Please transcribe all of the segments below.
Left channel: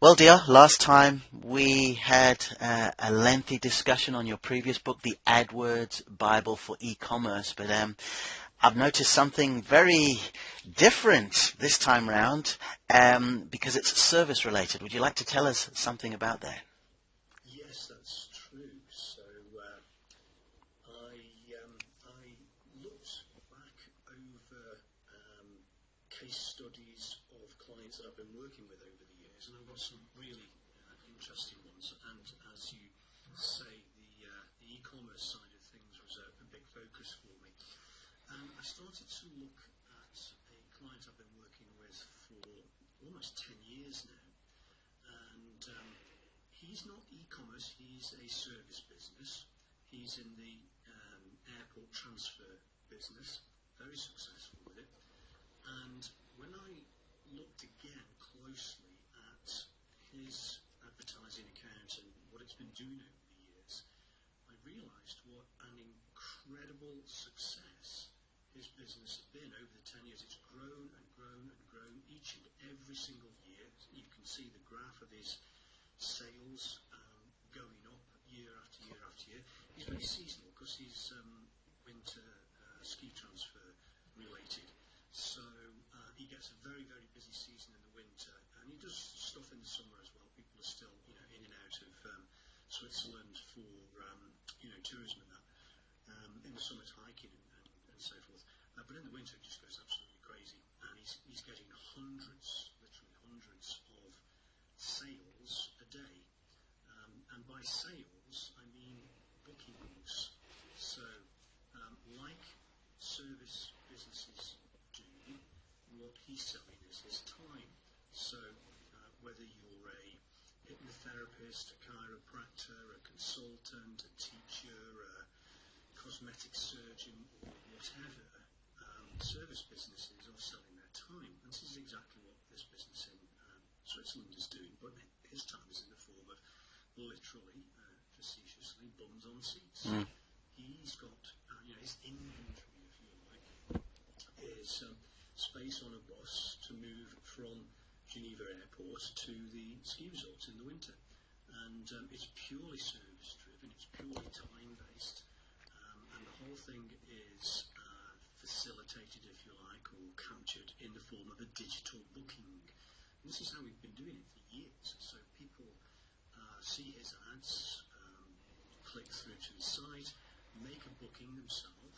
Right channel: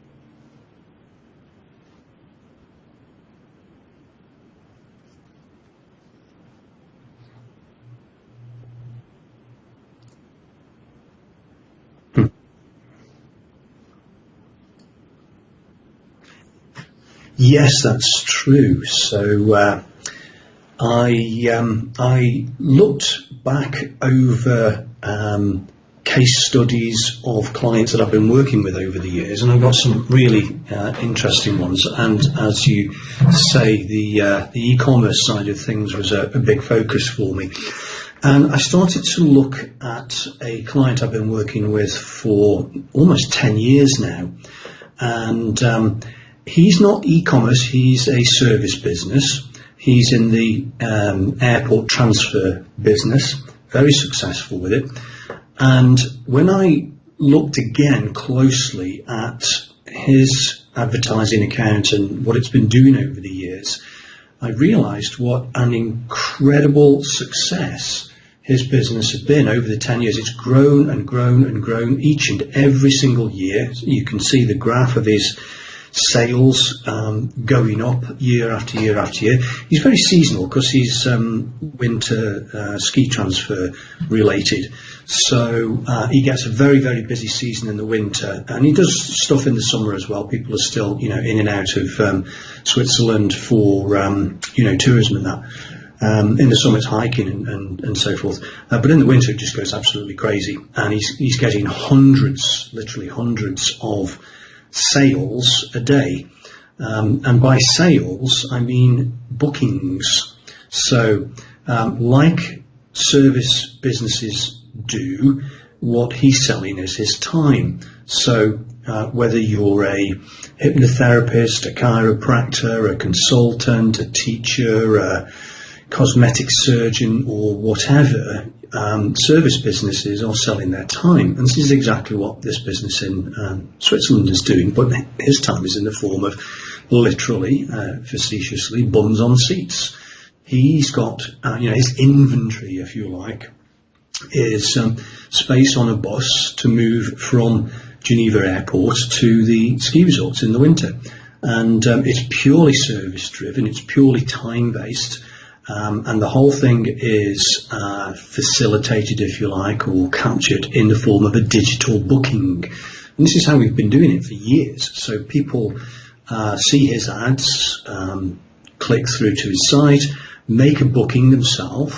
Well, dear, last time we had a lengthy discussion on your previous book, The AdWords Bible for E-commerce, but I've noticed something very different this time round because it's service related. Would you like to tell us something about that? Yes, that's true. So I looked back over case studies of clients that I've been working with over the years, and I've got some really interesting ones. And as you say, the e-commerce side of things was a big focus for me. And I started to look at a client I've been working with for almost 10 years now. And he's not e-commerce, he's a service business. He's in the airport transfer business, very successful with it. And when I looked again closely at his advertising account and what it's been doing over the years, I realized what an incredible success his business has been over the 10 years. It's grown and grown and grown each and every single year. You can see the graph of his sales going up year after year after year. He's very seasonal because he's winter ski transfer related. So he gets a very, very busy season in the winter, and he does stuff in the summer as well. People are still, in and out of Switzerland for, tourism and that. In the summer it's hiking and so forth. But in the winter it just goes absolutely crazy. And he's getting literally hundreds of sales a day. And by sales, I mean bookings. So like service businesses do, what he's selling is his time. So whether you're a hypnotherapist, a chiropractor, a consultant, a teacher, a cosmetic surgeon or whatever, service businesses are selling their time. And this is exactly what this business in Switzerland is doing, but his time is in the form of literally, facetiously, bums on seats. He's got, his inventory, if you like, is space on a bus to move from Geneva Airport to the ski resorts in the winter. And it's purely service driven, it's purely time based. And the whole thing is facilitated, if you like, or captured in the form of a digital booking. And this is how we've been doing it for years. So people see his ads, click through to his site, make a booking themselves,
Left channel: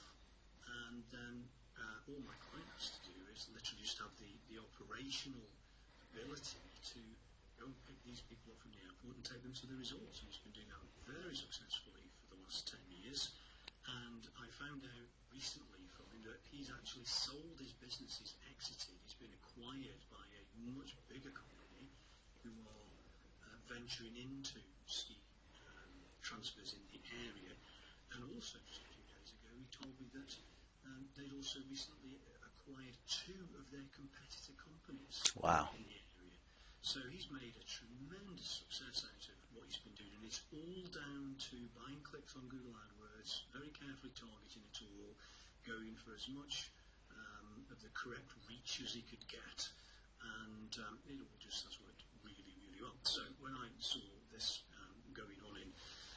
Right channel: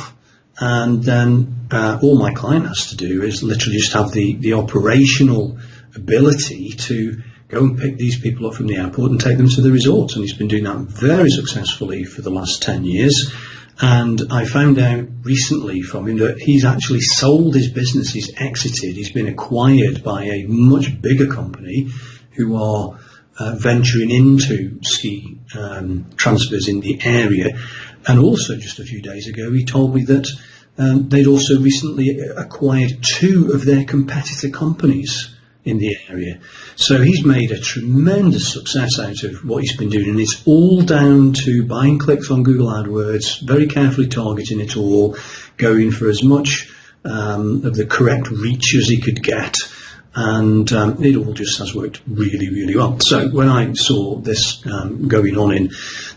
and then all my client has to do is literally just have the operational ability to go and pick these people up from the airport and take them to the resort. And he's been doing that very successfully for the last 10 years. And I found out recently from him that he's actually sold his business, he's exited, he's been acquired by a much bigger company who are venturing into ski transfers in the area. And also just a few days ago, he told me that they'd also recently acquired 2 of their competitor companies. Wow. In the area. So he's made a tremendous success out of what he's been doing, and it's all down to buying clicks on Google AdWords, very carefully targeting it all, going for as much of the correct reach as he could get, and it all just has worked really, really well. So when I saw this going on in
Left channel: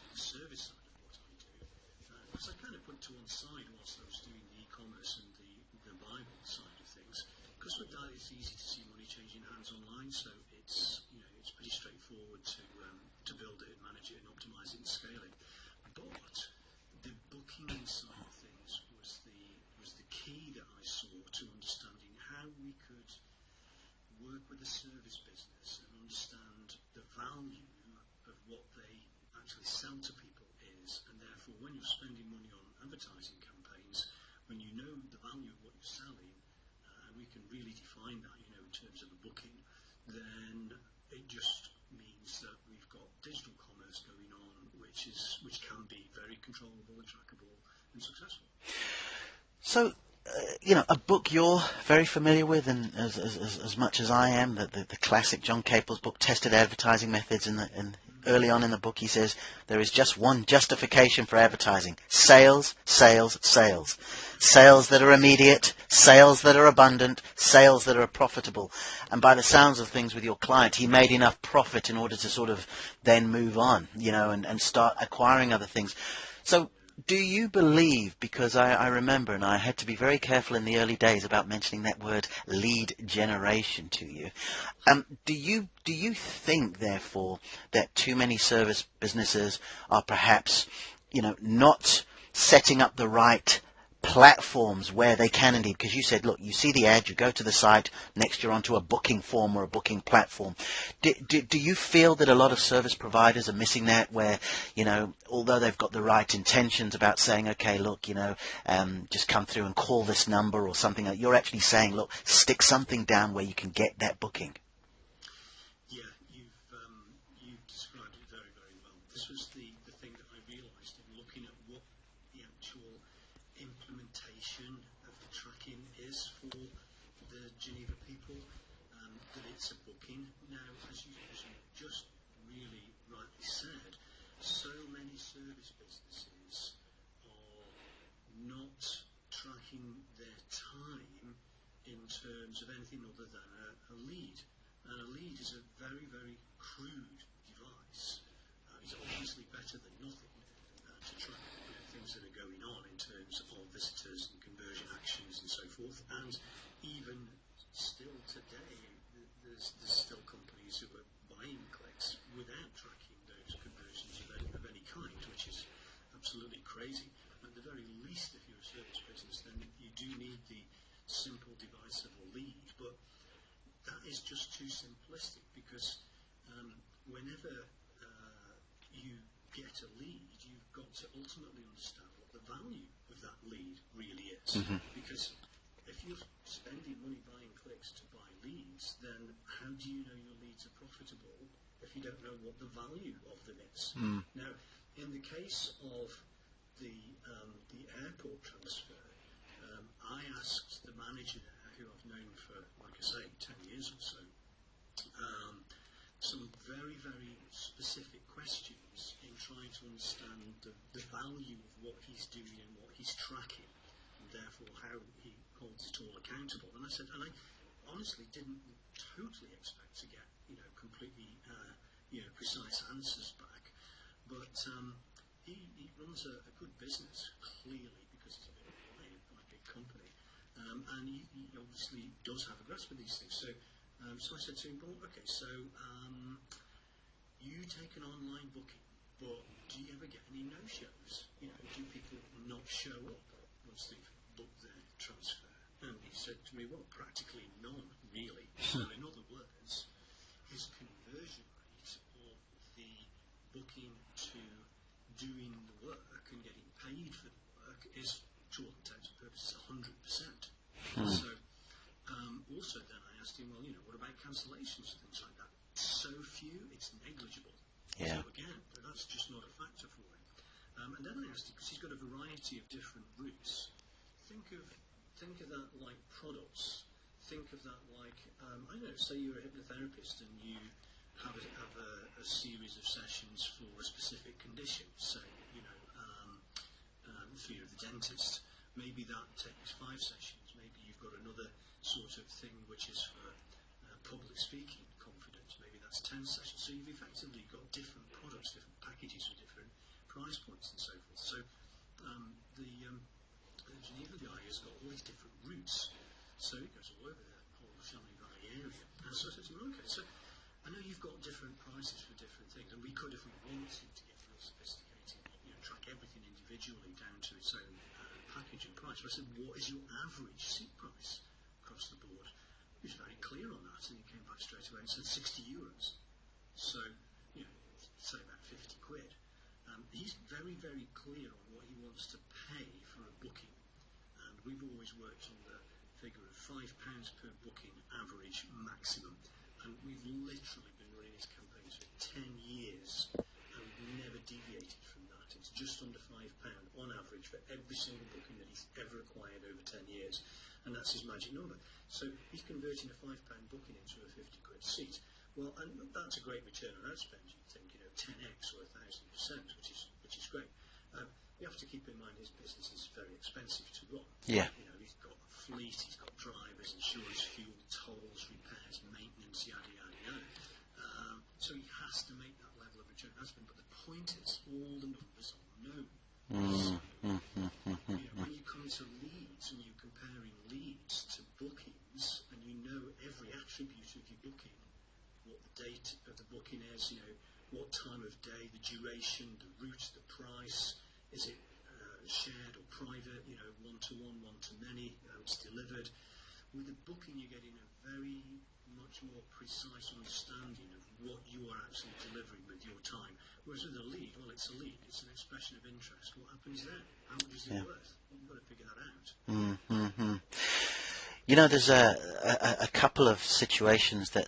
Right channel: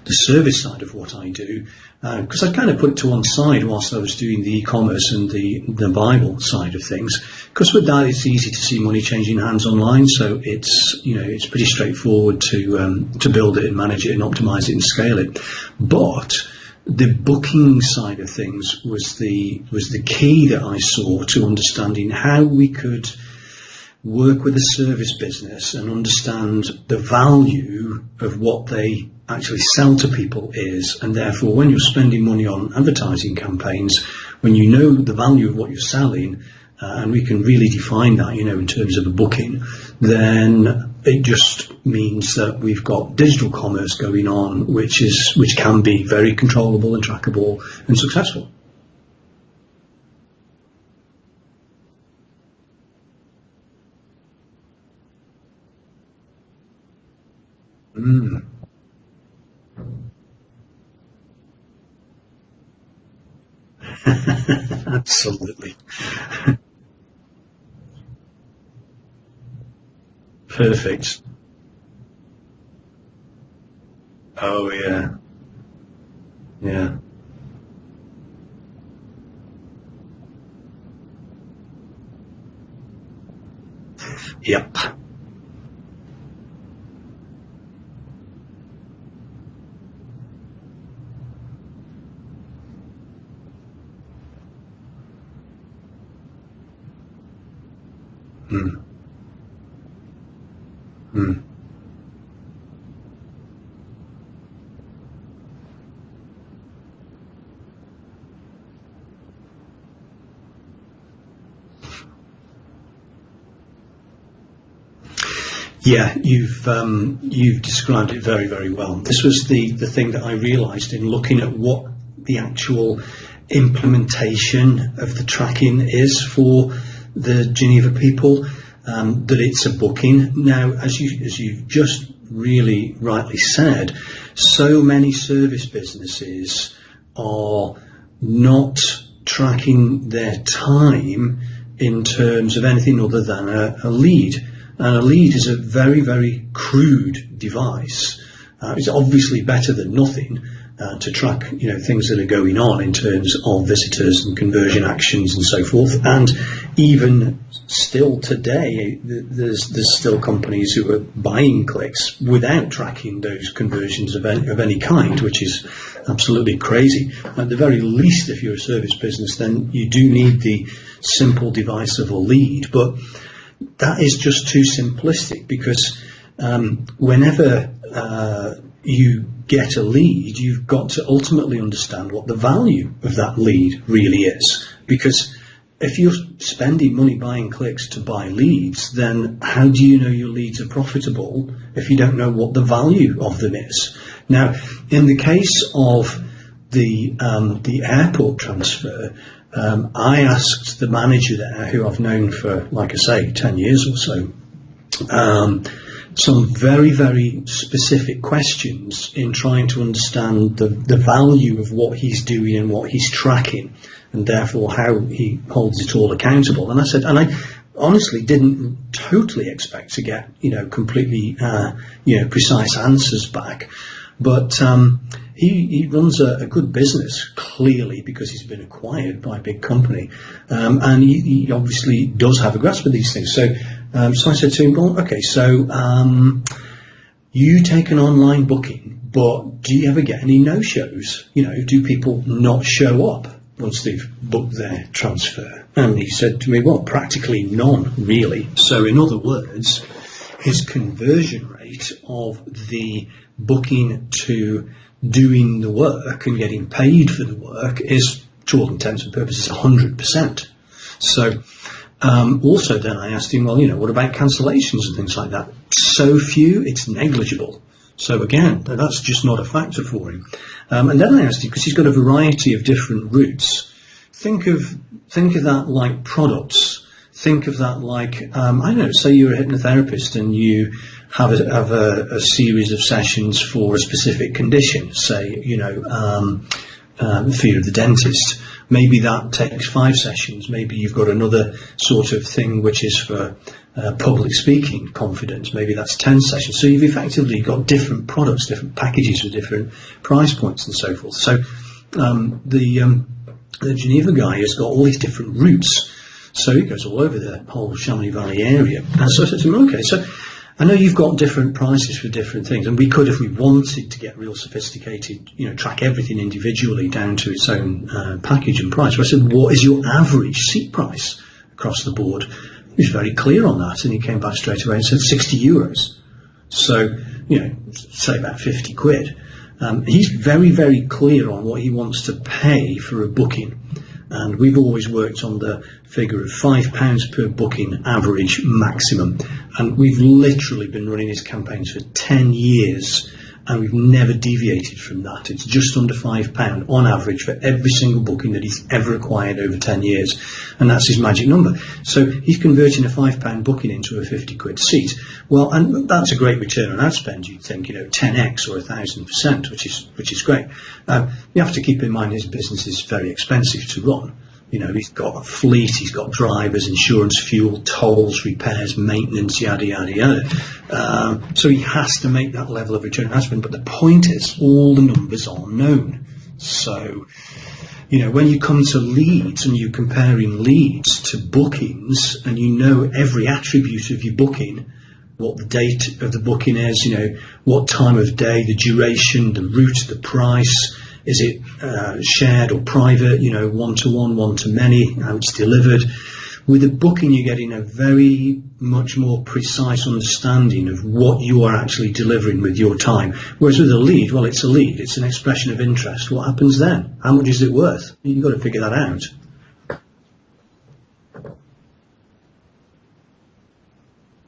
the service side of what I do, because I'd kind of put it to one side whilst I was doing the e-commerce and the Bible side of things, because with that it's easy to see money changing hands online, so it's pretty straightforward to build it and manage it and optimize it and scale it. But the booking side of things was the key that I saw to understanding how we could work with a service business and understand the value of what they actually sell to people is, and therefore when you're spending money on advertising campaigns, when you know the value of what you're selling, and we can really define that, in terms of a booking, then it just means that we've got digital commerce going on, which can be very controllable and trackable and successful. So a book you're very familiar with, and as much as I am, the classic John Capel's book, Tested Advertising Methods. Early on in the book, he says there is just one justification for advertising: sales, sales, sales. Sales that are immediate, sales that are abundant, sales that are profitable. And by the sounds of things with your client, he made enough profit in order to sort of then move on, and start acquiring other things. So do you believe, because I remember, and I had to be very careful in the early days about mentioning that word lead generation to you. Yep. Do you think, therefore, that too many service businesses are perhaps, not setting up the right platforms where they can indeed, because you said, look, you see the ad, you go to the site, next you're onto a booking form or a booking platform. Do you feel that a lot of service providers are missing that, where, although they've got the right intentions about saying, okay, look, just come through and call this number or something, you're actually saying, look, stick something down where you can get that booking? Yeah, you've described it very, very well. This was the thing that I realised in looking at what the actual implementation of the tracking is for the Geneva people, that it's a booking. Now, as you've just really rightly said, so many service businesses are not tracking their time in terms of anything other than a lead. And a lead is a very, very crude device. It's obviously better than nothing to track, things that are going on in terms of visitors and conversion actions and so forth. And even still today, there's still companies who are buying clicks without tracking those conversions of any kind, which is absolutely crazy. At the very least, if you're a service business, then you do need the simple device of a lead. But that is just too simplistic, because whenever you get a lead, you've got to ultimately understand what the value of that lead really is. Because if you're spending money buying clicks to buy leads, then how do you know your leads are profitable if you don't know what the value of them is? Now, in the case of the airport transfer, I asked the manager there, who I've known for, like I say, 10 years or so, some very, very specific questions in trying to understand the value of what he's doing and what he's tracking, and therefore how he holds it all accountable. And I said, and I honestly didn't totally expect to get, completely, precise answers back. But he runs a good business, clearly, because he's been acquired by a big company, and he obviously does have a grasp of these things. So I said to him, well, okay, so you take an online booking, but do you ever get any no-shows? Do people not show up once they've booked their transfer? And he said to me, well, practically none, really. So in other words, his conversion rate of the booking to doing the work and getting paid for the work is, to all intents and purposes, 100%. So also then I asked him, well, what about cancellations and things like that? So few, it's negligible. So again, that's just not a factor for him. And then I asked him, because he's got a variety of different routes, think of that like products. Think of that like, I don't know, say you're a hypnotherapist and you have a series of sessions for a specific condition, say, fear of the dentist. Maybe that takes 5 sessions. Maybe you've got another sort of thing which is for public speaking confidence. Maybe that's 10 sessions. So you've effectively got different products, different packages with different price points and so forth. So the Geneva guy has got all these different routes. So he goes all over the whole Chamonix Valley area. And so I said to him, okay, so I know you've got different prices for different things, and we could, if we wanted to get real sophisticated, track everything individually down to its own package and price. So I said, what is your average seat price across the board? He was very clear on that, and he came back straight away and said 60 euros. So, say about 50 quid. He's very, very clear on what he wants to pay for a booking. And we've always worked on the figure of £5 per booking average maximum. And we've literally been running his campaigns for 10 years and we've never deviated from that. It's just under £5 on average for every single booking that he's ever acquired over 10 years, and that's his magic number. So he's converting a £5 booking into a 50 quid seat. Well, and that's a great return on ad spend. You'd think, 10x or 1,000%, which is great. You have to keep in mind his business is very expensive to run. Yeah. He's got a fleet, he's got drivers, insurance, fuel, tolls, repairs, maintenance, yada yada yada. So he has to make that level of return on ad spend. But the point is, all the numbers are known. So, when you come to leads and you're comparing leads to bookings, and every attribute of your booking, what the date of the booking is, what time of day, the duration, the route, the price, is it shared or private, one-to-one, one-to-many, how it's delivered. With a booking, you're getting a very much more precise understanding of what you are actually delivering with your time. Whereas with a lead, well, it's a lead. It's an expression of interest. What happens then? How much is it worth? You've got to figure that out. There's a couple of situations that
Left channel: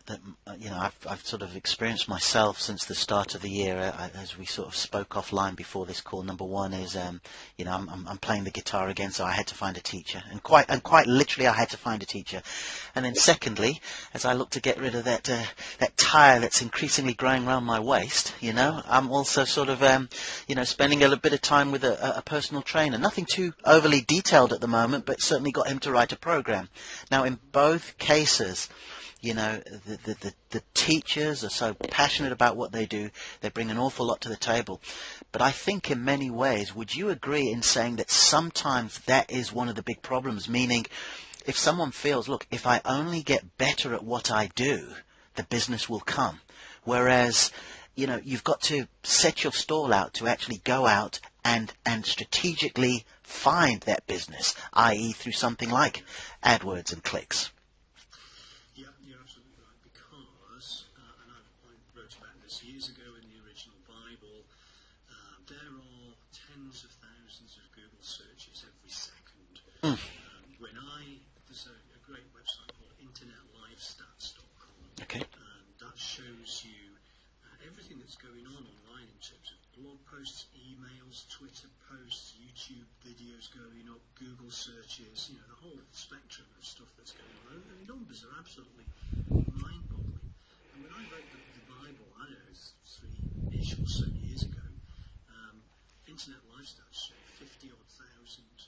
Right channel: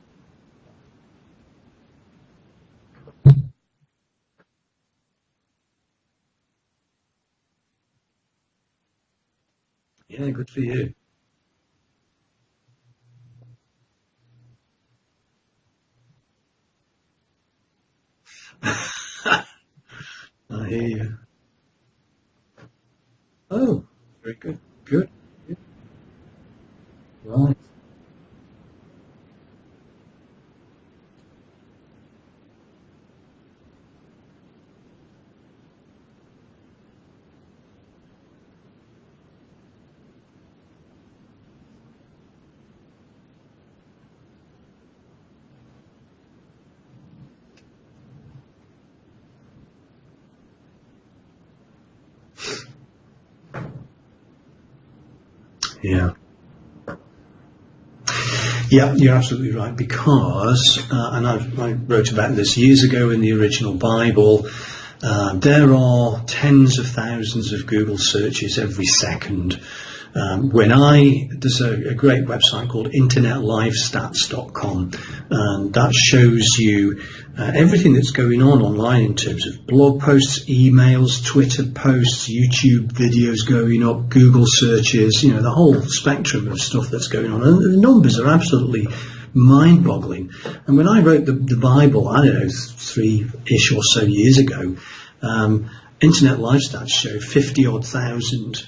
I've sort of experienced myself since the start of the year, as we sort of spoke offline before this call. Number one is, I'm playing the guitar again, so I had to find a teacher. Yeah, Quite literally, I had to find a teacher. And then secondly, as I look to get rid of that tire that's increasingly growing around my waist, I'm also sort of, spending a little bit of time with a personal trainer. Nothing too overly detailed at the moment, but certainly got him to write a program. Now, in both cases, the teachers are so passionate about what they do. They bring an awful lot to the table. But I think in many ways, would you agree in saying that sometimes that is one of the big problems? Meaning, if someone feels, look, if I only get better at what I do, the business will come. Whereas, you've got to set your stall out to actually go out and strategically find that business, i.e. through something like AdWords and clicks. Yeah, you're absolutely right, because, and I wrote about this years ago in the original Bible, there are tens of thousands of Google searches every second. There's a great website called internetlivestats.com, and that shows you everything that's going on online in terms of blog posts, emails, Twitter posts, YouTube videos going up, Google searches, the whole spectrum of stuff that's going on. And the numbers are absolutely mind-boggling. And when I wrote the Bible, I don't know, 3-ish or so years ago, Internet Live Stats show 50-odd thousand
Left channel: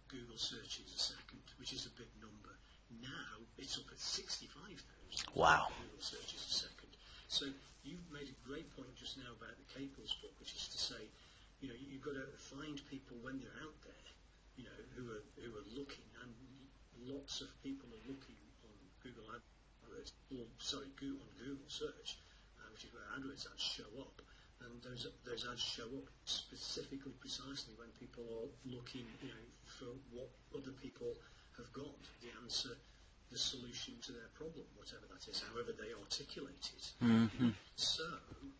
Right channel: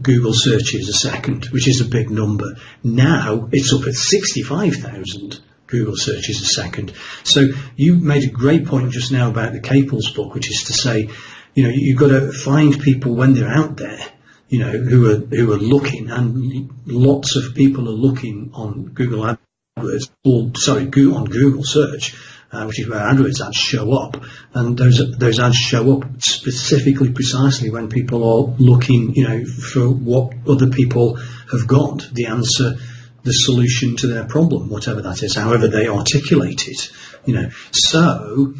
Google searches a second, which is a big number. Now it's up at 65,000 Google searches a second. So you made a great point just now about the Caples book, which is to say, you've got to find people when they're out there, who are looking, and lots of people are looking on Google AdWords, on Google search, which is where AdWords ads show up, and those ads show up specifically, precisely when people are looking, for what other people have got, the answer, the solution to their problem, whatever that is, however they articulate it. So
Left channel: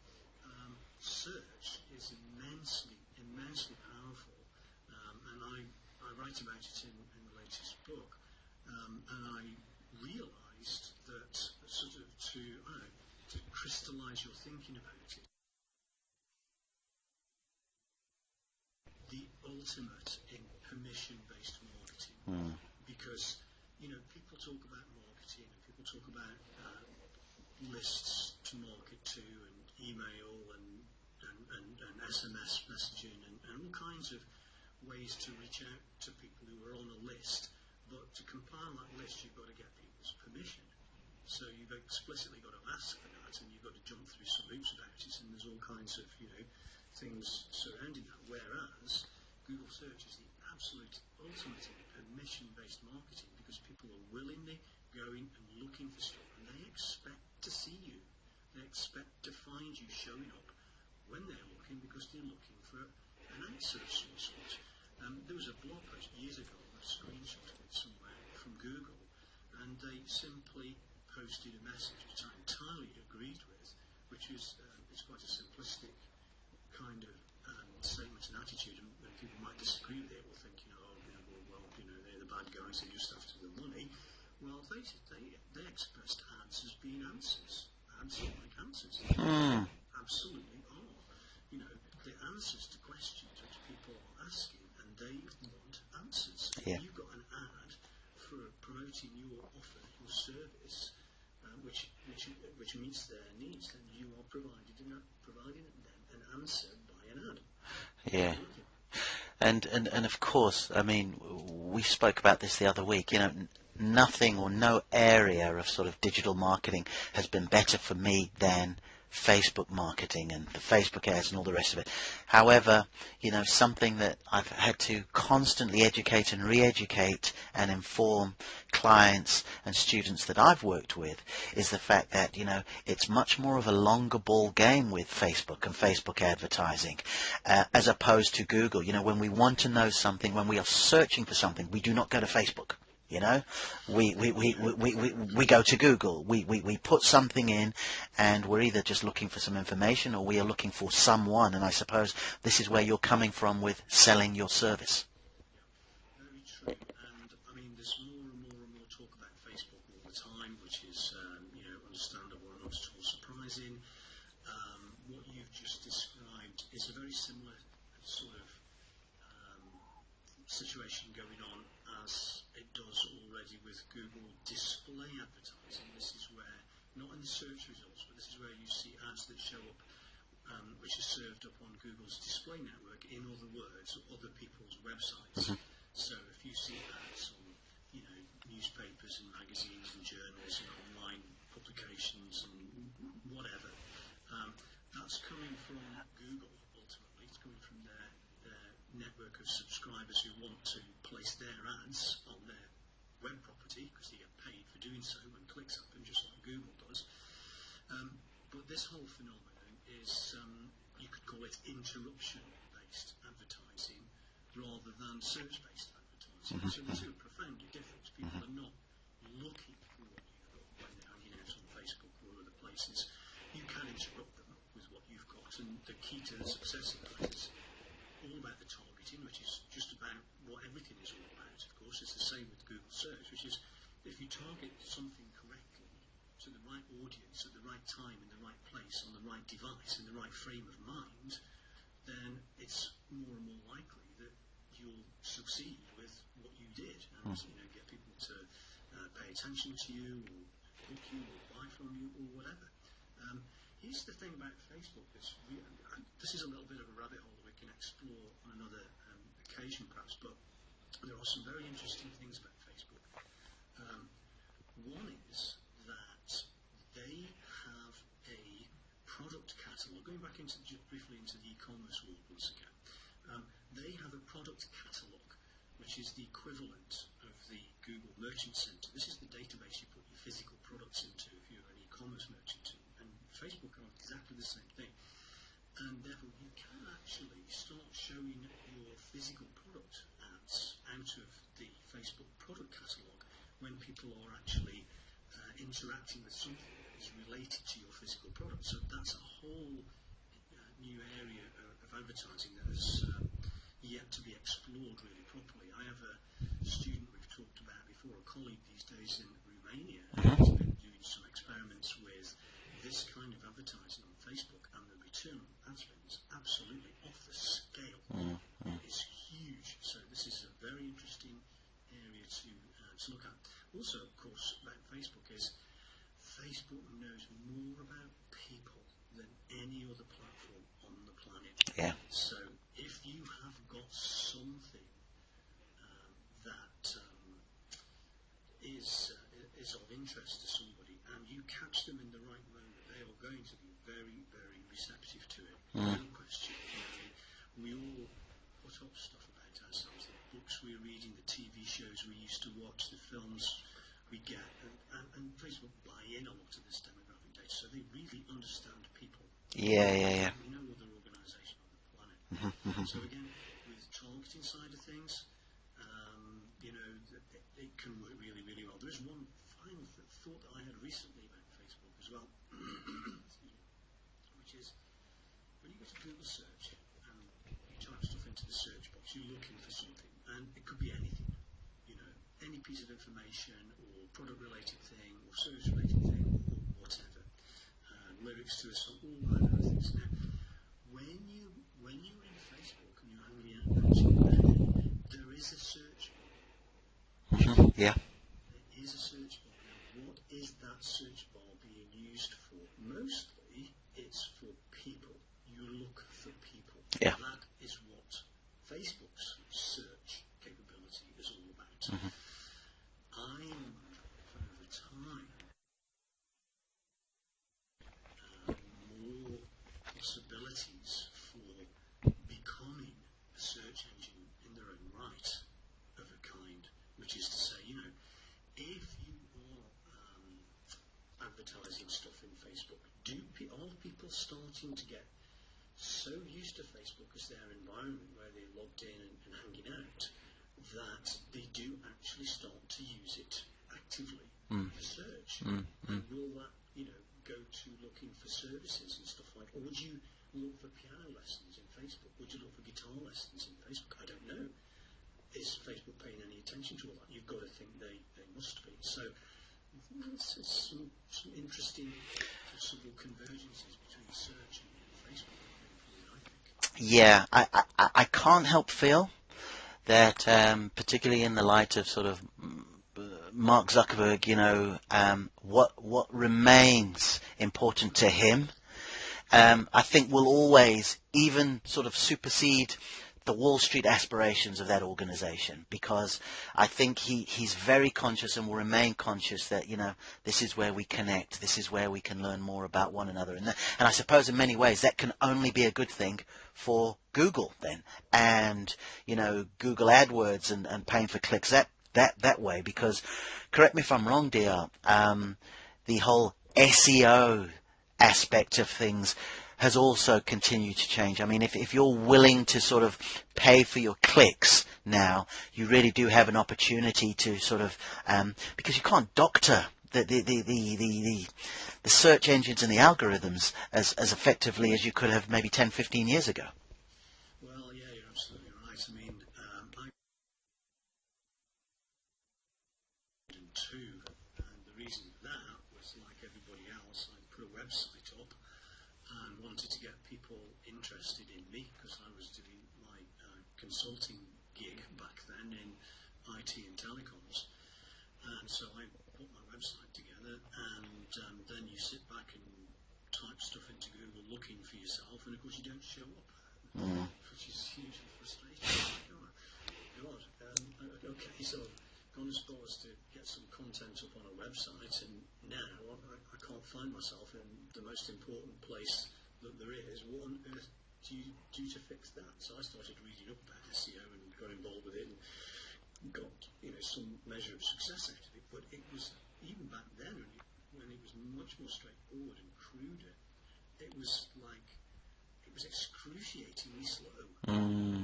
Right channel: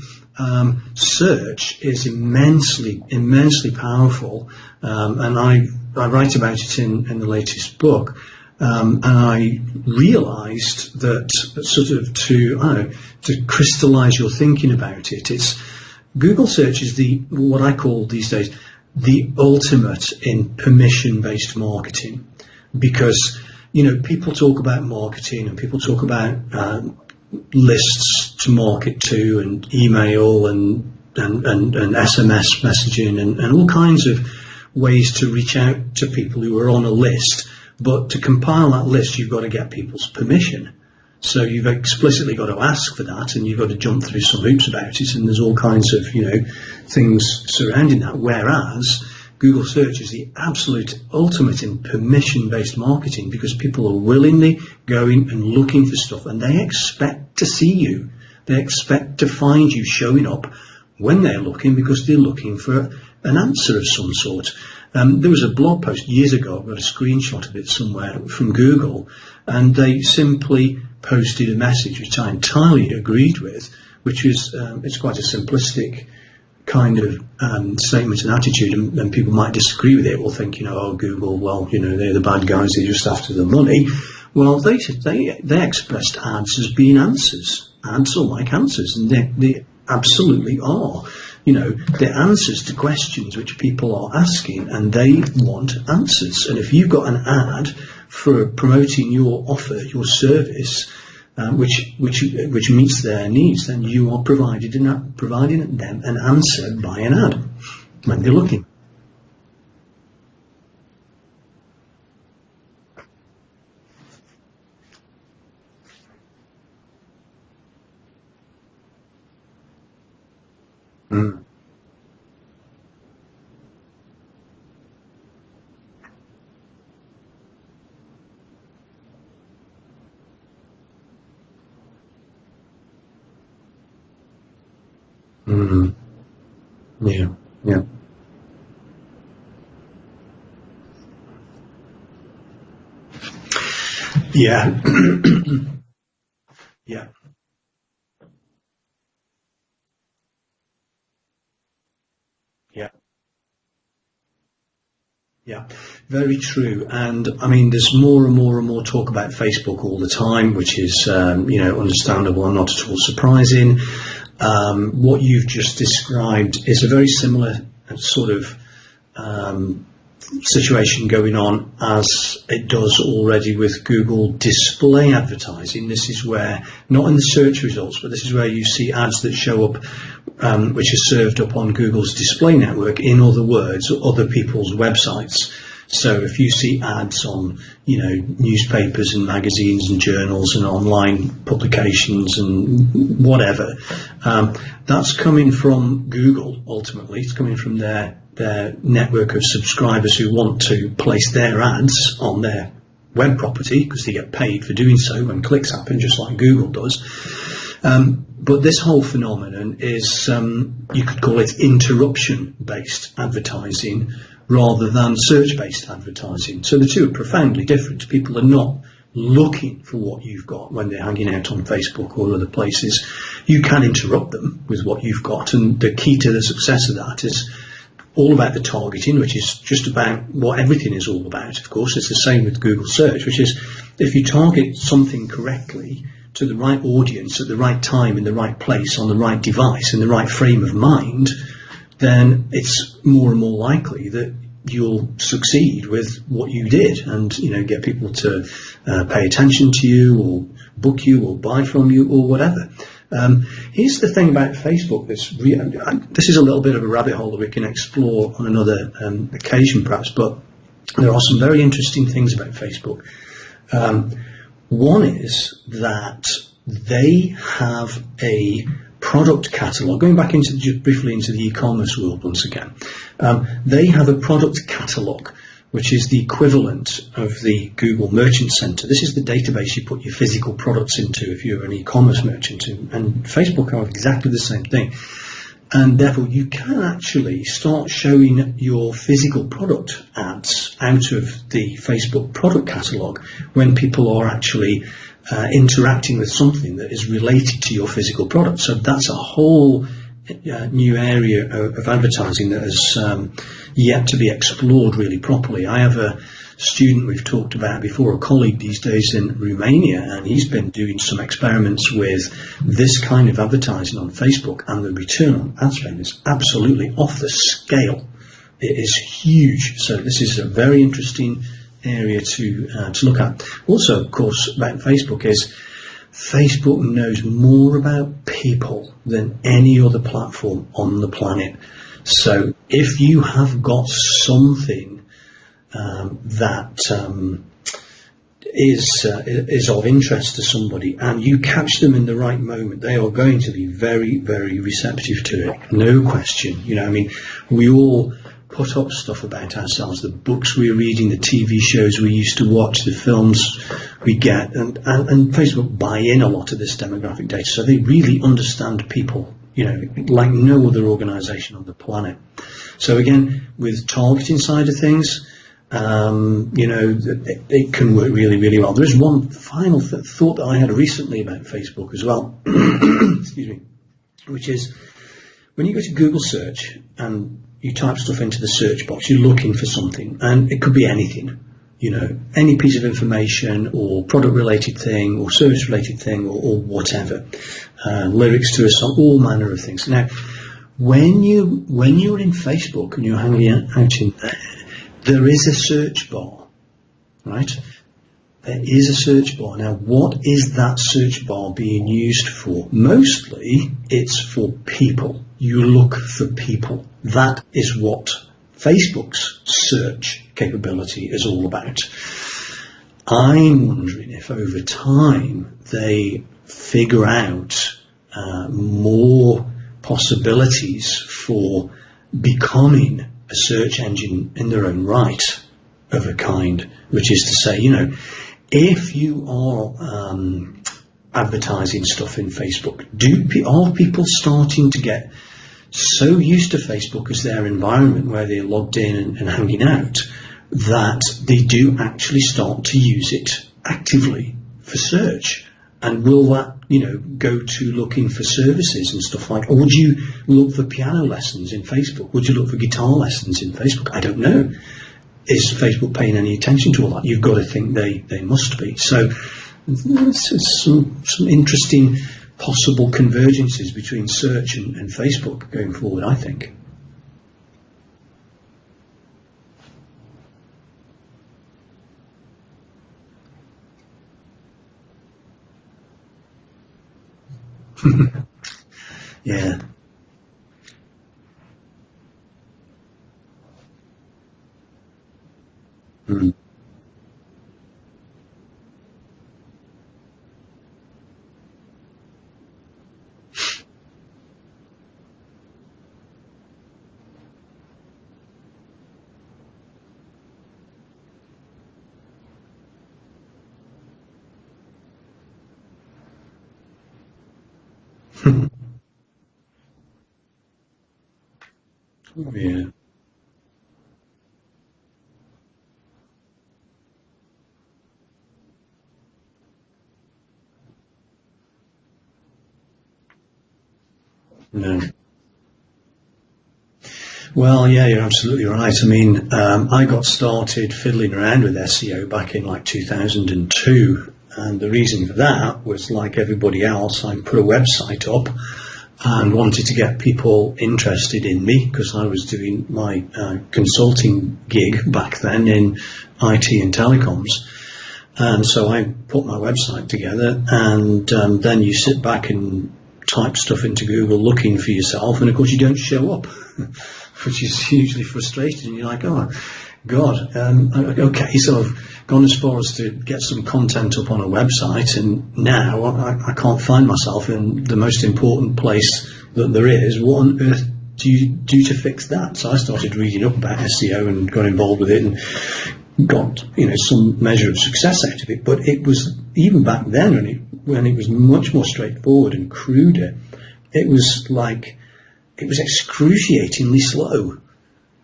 search is immensely powerful, and I write about it in the latest book. And I realised that sort of to crystallise your thinking about it, it's Google search is what I call these days the ultimate in permission-based marketing, because people talk about marketing and people talk about lists to market to, and email and SMS messaging and all kinds of ways to reach out to people who are on a list. But to compile that list, you've got to get people's permission. So you've explicitly got to ask for that, and you've got to jump through some hoops about it, and there's all kinds of, things surrounding that. Whereas Google search is the absolute ultimate in permission-based marketing, because people are willingly going and looking for stuff, and they expect to see you. They expect to find you showing up when they're looking, because they're looking for an answer of some sort. There was a blog post years ago, I've got a screenshot of it somewhere, from Google, and they simply posted a message which I entirely agreed with, which is, it's quite a simplistic kind of statement and attitude, and people might disagree with it, will think, oh, Google, well, they're the bad guys, they're just after the money. Well, they expressed ads as being answers. Ads are like answers, and absolutely are. You know, they're answers to questions which people are asking, and they want answers. And if you've got an ad for promoting your offer, your service, which meets their needs, then you are providing them an answer by an ad when they're looking. And of course, I mean, we spoke about this the other week. You know, nothing or no area of sort of digital marketing has been better for me than Facebook marketing and the Facebook ads and all the rest of it. However, you know, something that I've had to constantly educate and re-educate and inform clients and students that I've worked with is the fact that, you know, it's much more of a longer ball game with Facebook and Facebook advertising as opposed to Google. You know, when we want to know something, when we are searching for something, we do not go to Facebook. You know, we go to Google. We put something in, and we're either just looking for some information or we are looking for someone. And I suppose this is where you're coming from with selling your service. Yeah, very true. And I mean, there's more and more and more talk about Facebook all the time, which is, you know, understandable and not at all surprising. What you've just described is a very similar sort of situation going on as it does already with Google display advertising. This is where, not in the search results, but this is where you see ads that show up which are served up on Google's display network, in other words, other people's websites. So if you see ads on, you know, newspapers and magazines and journals and online publications and whatever, that's coming from Google ultimately. It's coming from their network of subscribers who want to place their ads on their web property because they get paid for doing so when clicks happen, just like Google does. But this whole phenomenon is, you could call it interruption-based advertising rather than search-based advertising. So the two are profoundly different. People are not looking for what you've got when they're hanging out on Facebook or other places. You can interrupt them with what you've got, and the key to the success of that is all about the targeting, which is just about what everything is all about. Of course, it's the same with Google search, which is if you target something correctly to the right audience at the right time, in the right place, on the right device, in the right frame of mind, then it's more and more likely that you'll succeed with what you did and, you know, get people to pay attention to you or book you or buy from you or whatever. Here's the thing about Facebook that's this is a little bit of a rabbit hole that we can explore on another occasion perhaps, but there are some very interesting things about Facebook. One is that they have a product catalogue. Going back into just briefly into the e-commerce world once again, they have a product catalogue which is the equivalent of the Google Merchant Center. This is the database you put your physical products into if you're an e-commerce merchant, and Facebook are exactly the same thing. And therefore you can actually start showing your physical product ads out of the Facebook product catalogue when people are actually interacting with something that is related to your physical product. So that's a whole new area of advertising that has yet to be explored really properly. I have a student we've talked about before, a colleague these days in Romania, and he's been doing some experiments with this kind of advertising on Facebook, and the return on ad spend is absolutely off the scale. It is huge. So this is a very interesting area to look at. Also, of course, about Facebook is Facebook knows more about people than any other platform on the planet. So if you have got something that is of interest to somebody and you catch them in the right moment, they are going to be very, very receptive to it. No question. You know, I mean, we all put up stuff about ourselves, the books we're reading, the TV shows we used to watch, the films we get, and Facebook buy in a lot of this demographic data, so they really understand people, you know, like no other organisation on the planet. So again, with targeting side of things, you know, it can work really, really well. There is one final thought that I had recently about Facebook as well, excuse me, which is when you go to Google search and you type stuff into the search box, you're looking for something, and it could be anything. any piece of information or product-related thing or service-related thing or whatever, lyrics to a song, all manner of things. Now, when you're in Facebook and you're hanging out in there is a search bar, right? Yeah. There is a search bar. Now, what is that search bar being used for? Mostly, it's for people. You look for people. Yeah. That is what Facebook's search capability is all about. I'm wondering if over time they figure out more possibilities for becoming a search engine in their own right of a kind, which is to say, if you are advertising stuff in Facebook, are people starting to get so used to Facebook as their environment where they're logged in and hanging out that they do actually start to use it actively for search? And will that, go to looking for services and stuff like, or would you look for piano lessons in Facebook? Would you look for guitar lessons in Facebook? I don't know. Is Facebook paying any attention to all that? You've got to think they must be. So there's some interesting possible convergences between search and Facebook going forward, I think. Yeah, I can't help feel that, particularly in the light of sort of Mark Zuckerberg, what remains important to him, I think will always even sort of supersede the Wall Street aspirations of that organization, because I think he's very conscious and will remain conscious that, this is where we connect, this is where we can learn more about one another. And I suppose in many ways that can only be a good thing for Google then, and, Google AdWords and paying for clicks that way, because, correct me if I'm wrong, DR, the whole SEO aspect of things has also continued to change. I mean, if you're willing to sort of pay for your clicks now, you really do have an opportunity to sort of, because you can't doctor the search engines and the algorithms as effectively as you could have maybe 10, 15 years ago. Well, yeah, you're absolutely right. I mean, I got started fiddling around with SEO back in like 2002, and the reason for that was, like everybody else, I put a website up and wanted to get people interested in me because I was doing my consulting gig back then in IT and telecoms. And so I put my website together, and then you sit back and type stuff into Google looking for yourself, and of course you don't show up, which is hugely frustrating. You're like, oh God, okay, so I've gone as far as to get some content up on a website, and now I can't find myself in the most important place that there is. What on earth do you do to fix that? So I started reading up about SEO and got involved with it and got some measure of success out of it. But it was, even back then when it was much more straightforward and cruder, it was excruciatingly slow.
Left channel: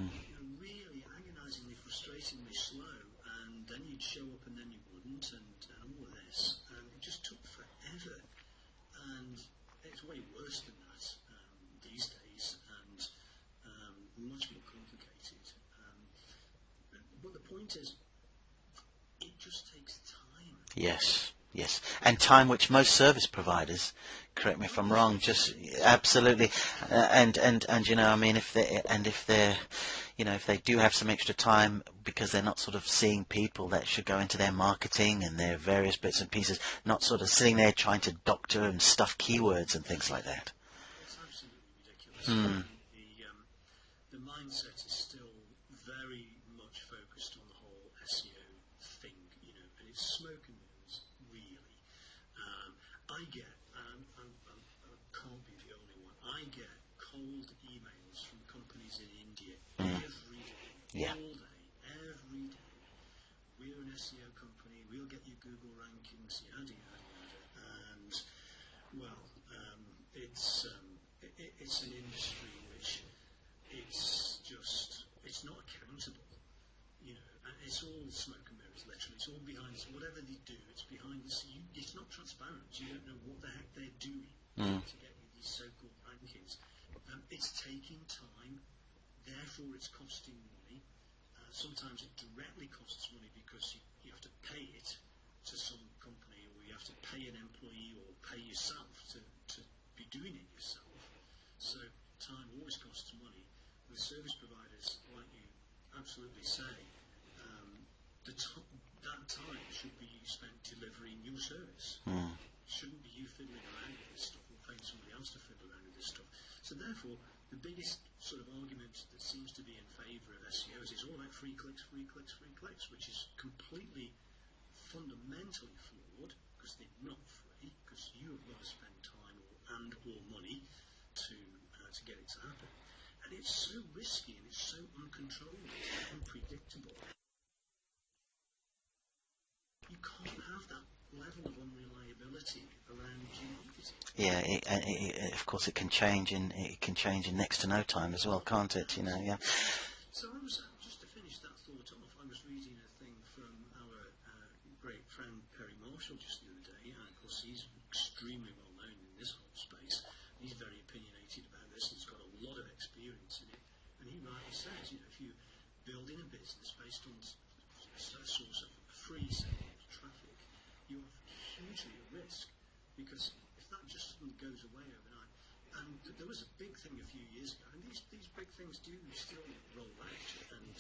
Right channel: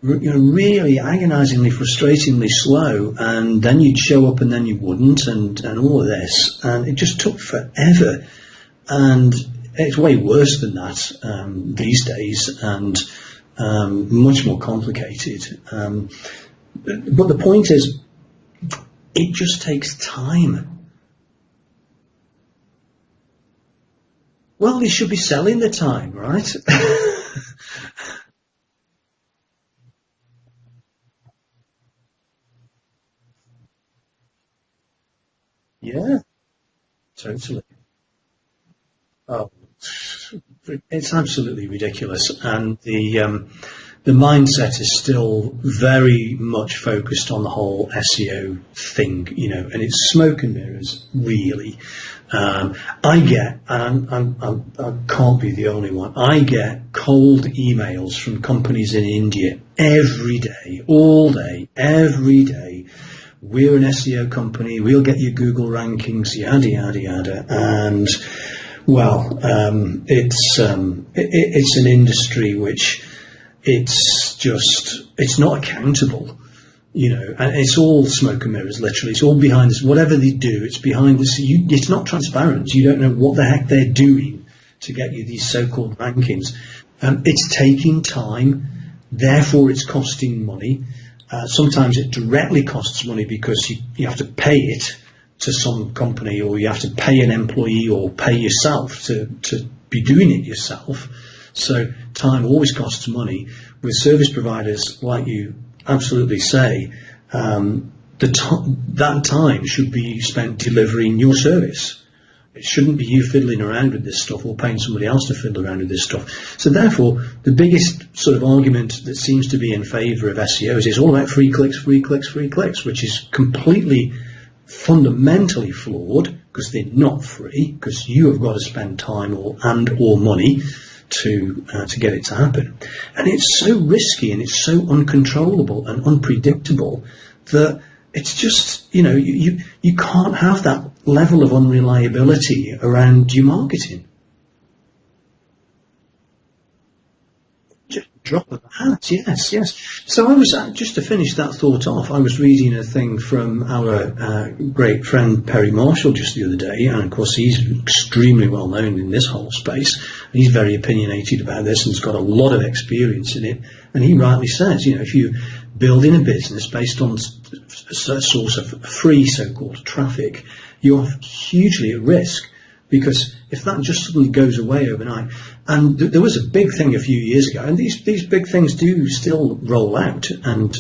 Really agonizingly, frustratingly slow, and then you'd show up and then you wouldn't, and all of this, and it just took forever. And it's way worse than that these days, and much more complicated. But the point is, it just takes time. Yes, and time which most service providers, correct me well, if I'm they should wrong, be selling the time, absolutely, right? and I mean, if they do have some extra time because they're not sort of seeing people, that should go into their marketing and their various bits and pieces, not sort of sitting there trying to doctor and stuff keywords and things like that. It's absolutely ridiculous, and the mindset is still very much focused on the whole SEO thing, and it's smoke and mirrors, really. I get, and I can't be the only one, I get cold emails from companies in India every day, all day, every day. We're an SEO company, we'll get you Google rankings, yada, yada, yada. And, well, it's an industry which it's not accountable. And it's all smoke and mirrors, literally. It's all behind this. Whatever they do, it's behind this. It's not transparent. You don't know what the heck they're doing to get you these so-called rankings. It's taking time, therefore it's costing money. Sometimes it directly costs money because you have to pay it to some company, or you have to pay an employee or pay yourself to be doing it yourself. So time always costs money. With service providers, like you absolutely say, that time should be spent delivering your service. It shouldn't be you fiddling around with this stuff or paying somebody else to fiddle around with this stuff. So therefore, the biggest sort of argument that seems to be in favour of SEO is it's all about free clicks, free clicks, free clicks, which is completely fundamentally flawed, because they're not free, because you have got to spend time or money to get it to happen. And it's so risky and it's so uncontrollable and unpredictable that it's just, you can't have that level of unreliability around your marketing. Yeah, of course, it can change in next to no time as well, Drop can't of it? hat, yes. So I was, just to finish that thought off, I was reading a thing from our great friend Perry Marshall just the other day, and of course he's extremely well known in this whole space. He's very opinionated about this and has got a lot of experience in it. And he rightly says, if you building a business based on a source of free so-called traffic, you're hugely at risk, because if that just suddenly goes away overnight, and there was a big thing a few years ago, and these big things do still roll out, and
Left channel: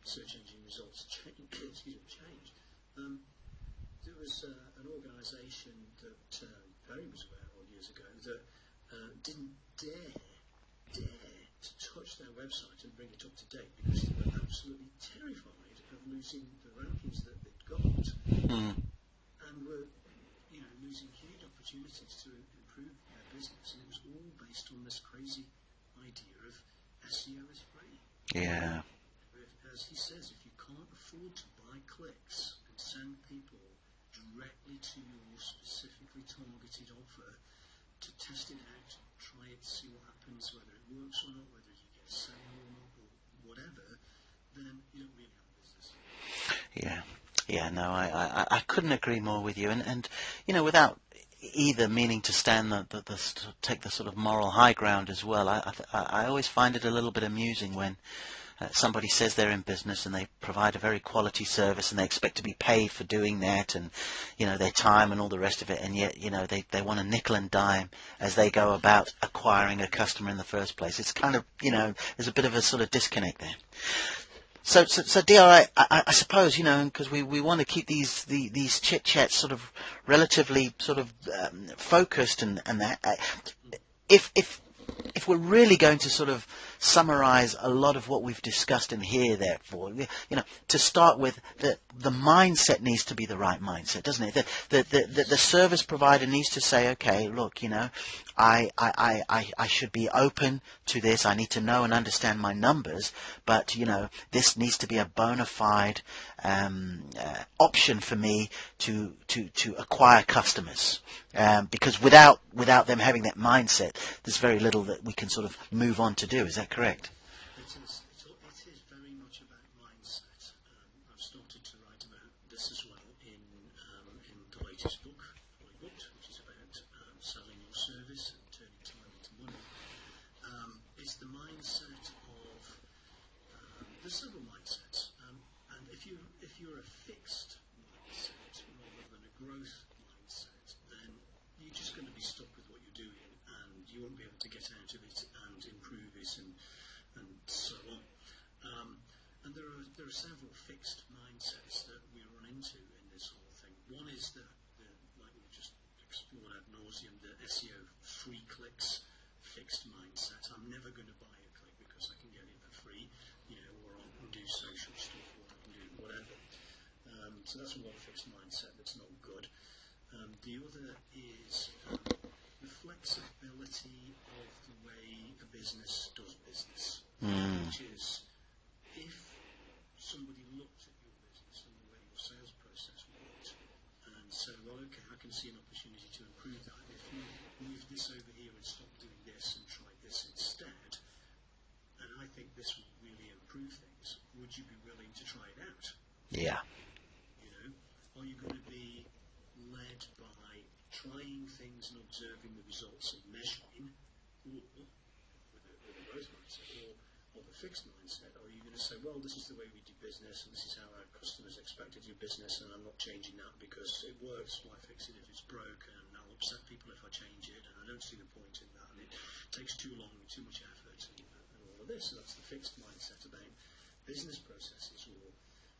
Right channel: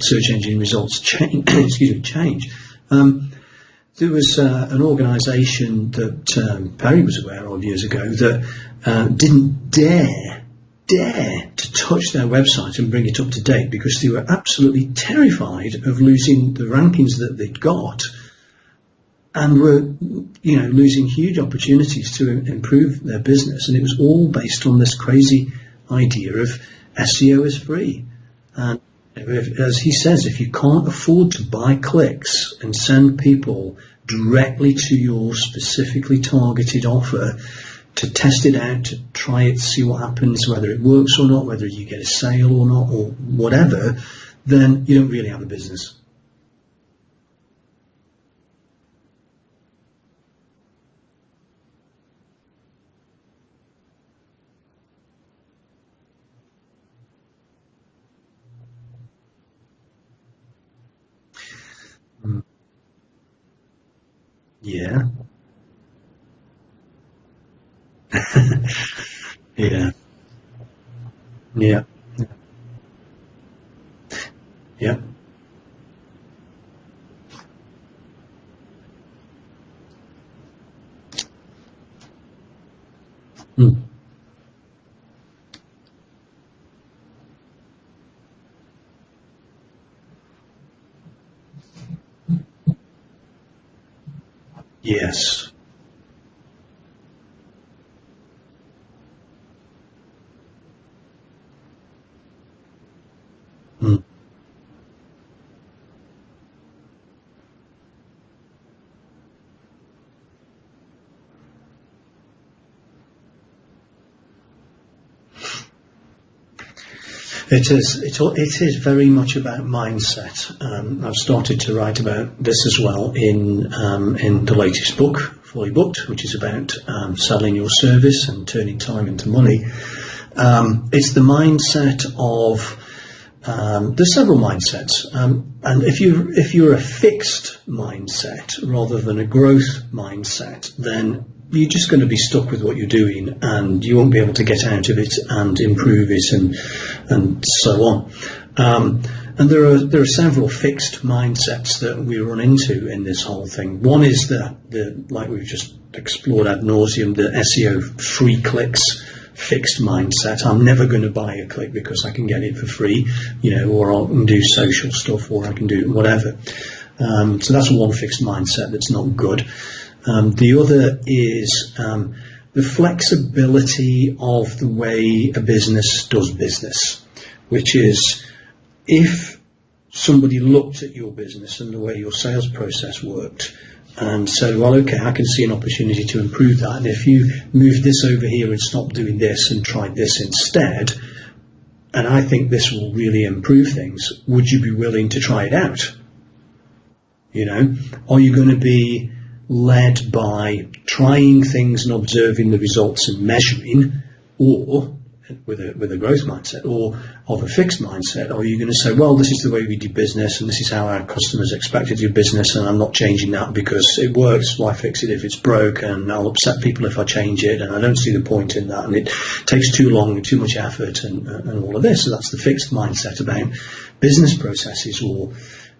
search engine results change. Change. There was an organisation that Perry was aware of years ago that didn't dare to touch their website and bring it up to date, because they were absolutely terrified of losing the rankings that they'd got, and were losing huge opportunities to improve their business. And it was all based on this crazy idea of SEO is free. Yeah. And as he says, if you can't afford to buy clicks and send people directly to your specifically targeted offer to test it out, to try it, see what happens, whether it works or not, whether you get a sale or not, or whatever, then you don't really have a business. Yeah, no, I couldn't agree more with you, and without either meaning to stand take the sort of moral high ground as well, I always find it a little bit amusing when somebody says they're in business and they provide a very quality service and they expect to be paid for doing that, and their time and all the rest of it, and yet they want a nickel and dime as they go about acquiring a customer in the first place. It's kind of there's a bit of a sort of disconnect there. So DR, I suppose, because we want to keep these chit chats sort of relatively sort of focused, and that if we're really going to sort of summarize a lot of what we've discussed in here, therefore, to start with, the mindset needs to be the right mindset, doesn't it? The service provider needs to say, okay, look, I should be open to this. I need to know and understand my numbers, but this needs to be a bona fide option for me to acquire customers, because without them having that mindset, there's very little that we can sort of move on to do. Is that correct? It is. It is very much about mindset. I've started to write about this as well in the latest book, Fully Booked, which is about selling your service and turning time into money. It's the mindset of there's several mindsets, and if you're a fixed mindset rather than a growth mindset, then you're just going to be stuck with what you're doing, and you won't be able to get out of it and improve it, and so on. And there are several fixed mindsets that we run into in this whole thing. One is the like we've just explored ad nauseum, the SEO free clicks fixed mindset. I'm never going to buy a click because I can get it for free, or I can do social stuff, or I can do whatever. So that's one fixed mindset that's not good. The other is the flexibility of the way a business does business, which is, if somebody looked at your business and the way your sales process worked and said, well, okay, I can see an opportunity to improve that, and if you move this over here and stop doing this and try this instead, and I think this will really improve things, would you be willing to try it out? Yeah. Are you going to be led by trying things and observing the results and measuring, or with a growth mindset or of a fixed mindset? Or are you going to say, well, this is the way we do business and this is how our customers expect to do business, and I'm not changing that because it works, why fix it if it's broke, and I'll upset people if I change it, and I don't see the point in that, and it takes too long and too much effort and all of this. So that's the fixed mindset about business processes, or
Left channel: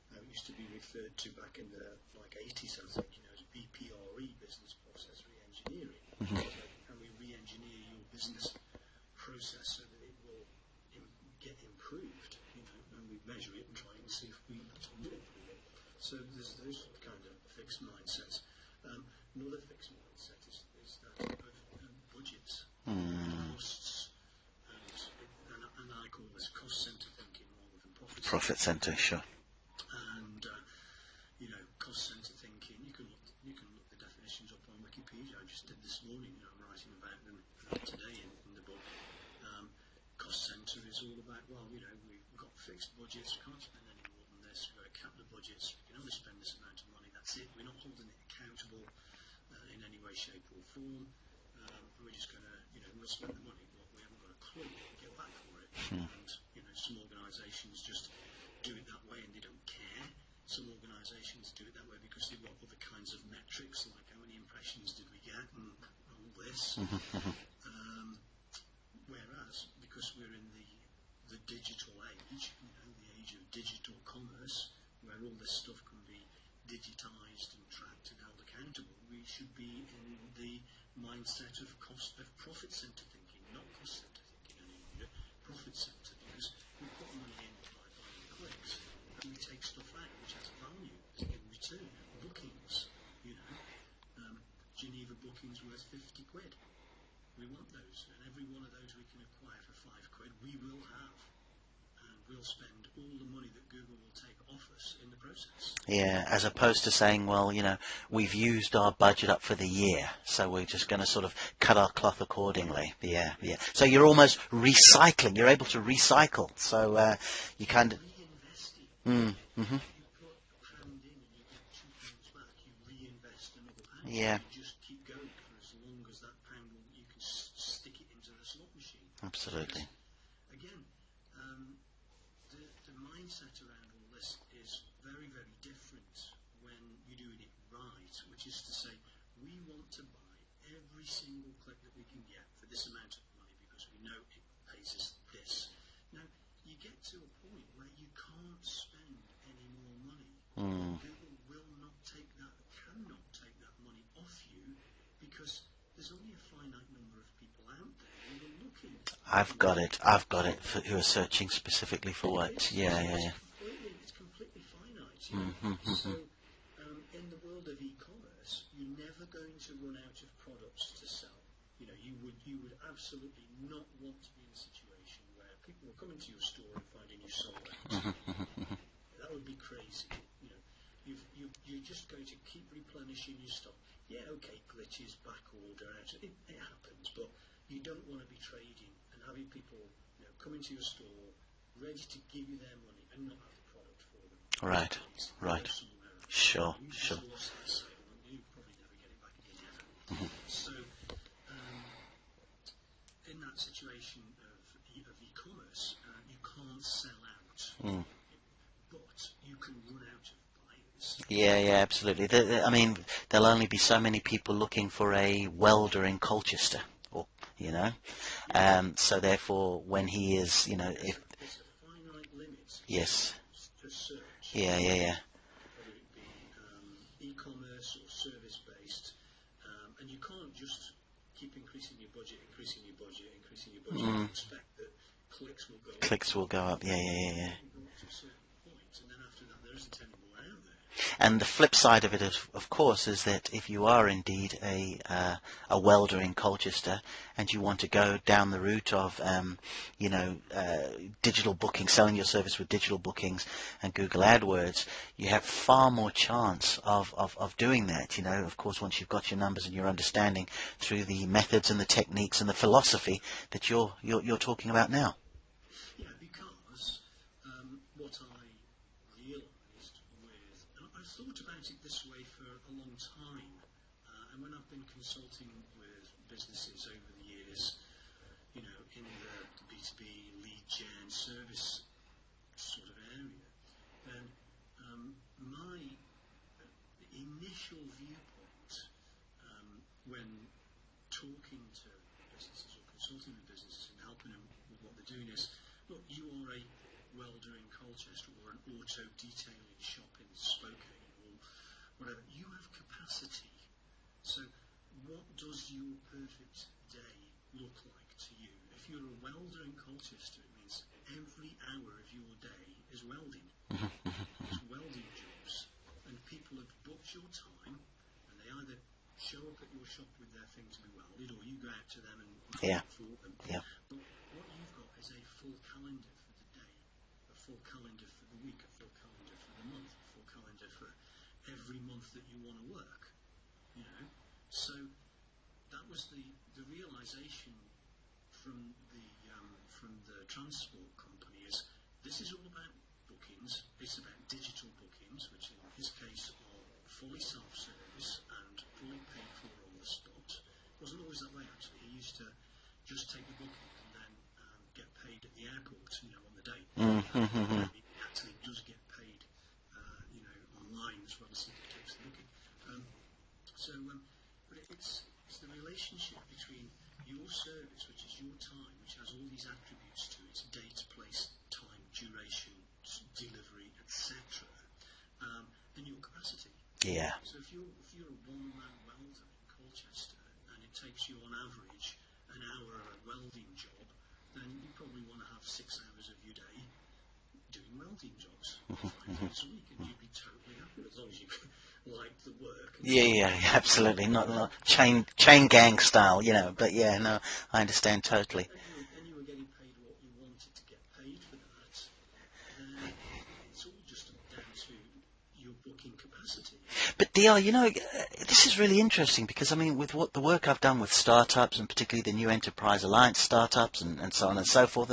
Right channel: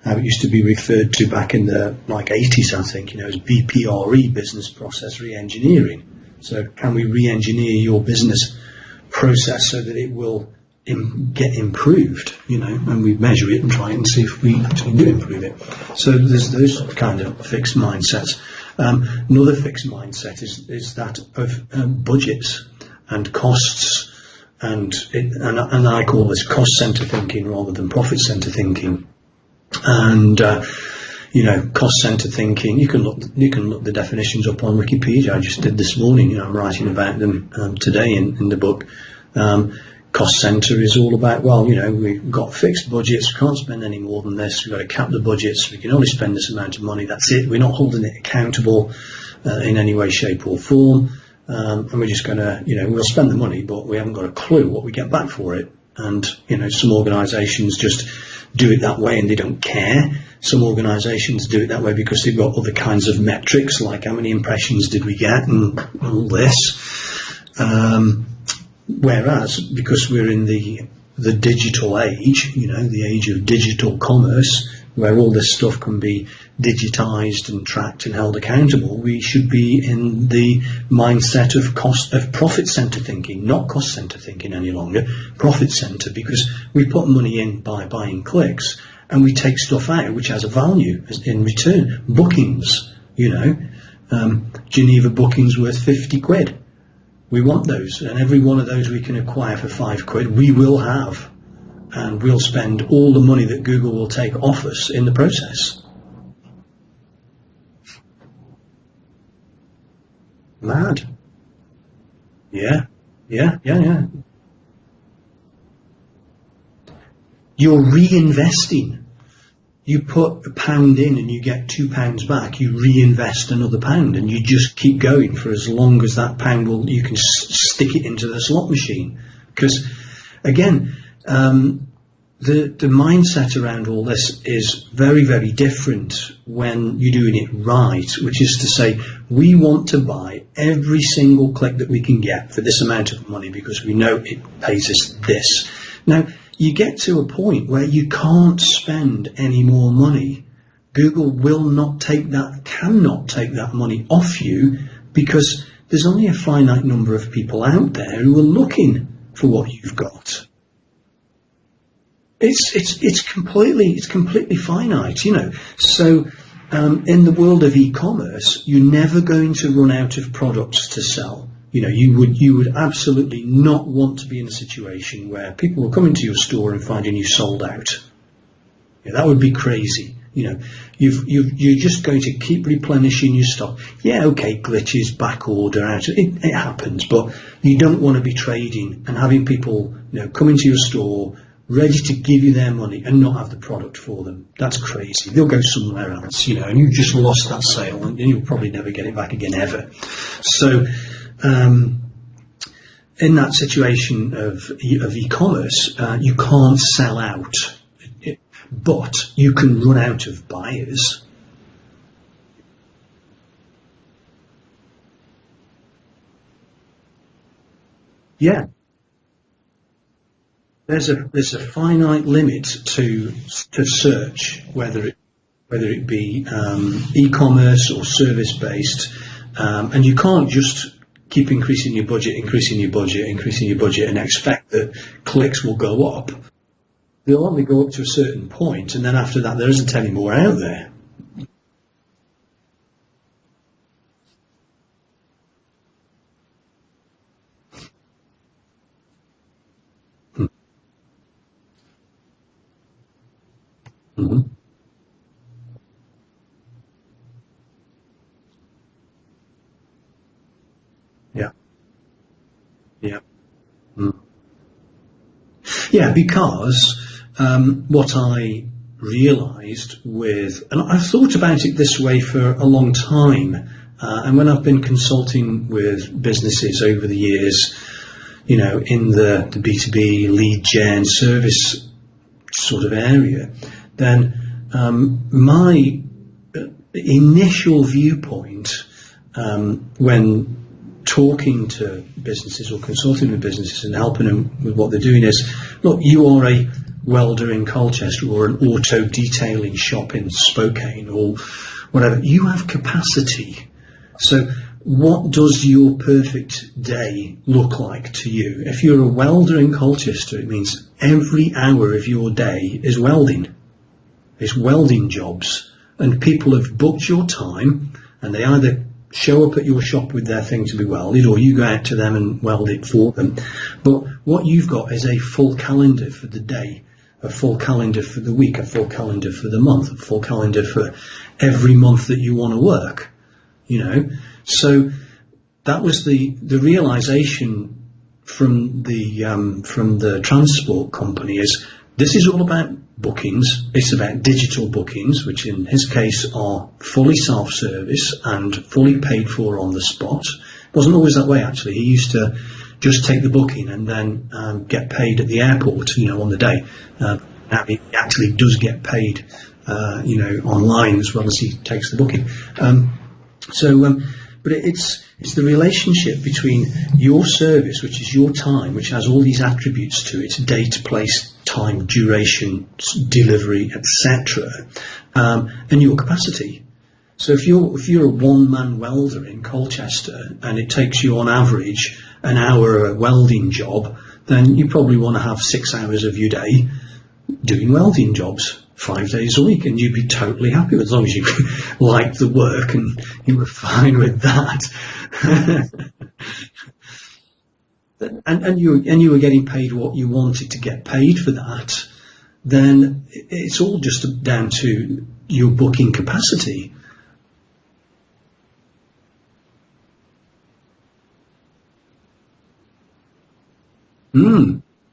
how it used to be referred to back in the 80s, I think, as BPRE, business process re-engineering. So can we re-engineer your business process so that it will get improved, and we measure it and try and see if we actually do improve it. So there's those kind of fixed mindsets. Another fixed mindset is that of budgets and costs, and I call this cost center thinking rather than profit center thinking. And cost center thinking, you can look the definitions up on Wikipedia. I just did this morning. I'm writing about them today in the book. Cost center is all about, we've got fixed budgets, we can't spend any more than this, we've got to cap the budgets, we can only spend this amount of money, that's it. We're not holding it accountable in any way, shape or form, and we're just going to, we'll spend the money, but we haven't got a clue what we get back for it. And some organisations just do it that way and they don't care. Some organisations do it that way because they've got other kinds of metrics, like how many impressions did we get and all this. Whereas, because we're in the digital age, the age of digital commerce, where all this stuff can be digitised and tracked and held accountable, we should be in the mindset of profit centre thinking, not cost centre thinking any longer, profit centre, because we put money in by buying clicks and we take stuff out which has a value in return. Bookings, Geneva bookings worth 50 quid. We want those, and every one of those we can acquire for £5, we will have, and we'll spend all the money that Google will take off us in the process. Yeah, as opposed to saying, well, we've used our budget up for the year, so we're just going to sort of cut our cloth accordingly. Yeah. So you're almost recycling. You're able to recycle. So you're reinvesting. You put £1 in and you get £2 back. You reinvest another £1, and you just keep going for as long as that £1 you can stick it into the slot machine. Because again, the mindset around all this is very, very different when you're doing it right, which is to say, we want to buy every single click that we can get for this amount of money because we know it pays us this. Now, you get to a point where you can't spend any more money. Google cannot take that money off you, because there's only a finite number of people out there who are looking for what you've got. I've got it. Who are searching specifically for what? It's completely finite, So in the world of e-commerce, you're never going to run out of products to sell. You would absolutely not want to be in a situation where people will come into your store and finding you sold out. That would be crazy. You're just going to keep replenishing your stock. Yeah, okay, glitches, back order, it happens, but you don't want to be trading and having people come into your store ready to give you their money and not have the product for them. That's crazy. They'll go somewhere else, and you've just lost that sale and you'll probably never get it back again ever. So in that situation of e-commerce, you can't sell out, but you can run out of buyers. Yeah, absolutely. There'll only be so many people looking for a welder in Colchester, Yeah. So therefore, when he is, there's a finite limit to search, whether it be e-commerce or service based, and you can't just keep increasing your budget, and expect that clicks will go up. Clicks will go up, yeah. They'll only go up to a certain point, and then after that, there isn't any more out there. And the flip side of it, of course, is that if you are indeed a welder in Colchester, and you want to go down the route of, digital booking, selling your service with digital bookings and Google AdWords, you have far more chance of doing that. Of course, once you've got your numbers and your understanding through the methods and the techniques and the philosophy that you're talking about now. Yeah, because what I realised and I've thought about it this way for a long time, and when I've been consulting with businesses over the years, in the B2B lead gen service sort of area, then my initial viewpoint when talking to businesses or consulting with businesses and helping them with what they're doing is, look, you are a welder in Colchester or an auto detailing shop in Spokane or whatever. You have capacity. So what does your perfect day look like to you? If you're a welder in Colchester, it means every hour of your day is welding. It's welding jobs. And people have booked your time, and they either show up at your shop with their thing to be welded, or you go out to them and weld it for them. But what you've got is a full calendar for the day, a full calendar for the week, a full calendar for the month, a full calendar for every month that you want to work, So that was the realization from the transport company is this is all about bookings. It's about digital bookings, which in his case are fully self-service and fully paid for on the spot. It wasn't always that way, actually. He used to just take the booking and then get paid at the airport, on the day. Now he actually does get paid, online as well as he takes the booking. But it's the relationship between your service, which is your time, which has all these attributes to it: date, place, time, duration, delivery, etc., and your capacity. Yeah. So if you're a one-man welder in Colchester and it takes you on average an hour a welding job, then you probably want to have 6 hours of your day doing welding jobs 5 days a week, and you'd be totally happy with, as long as you like the work and you were fine with that. Chain gang style, But I understand totally. And you were getting paid what you wanted to get paid for that. Then it's all just down to your booking capacity. But DR, this is really interesting because with what the work I've done with startups, and particularly the New Enterprise Alliance startups and so on and so forth,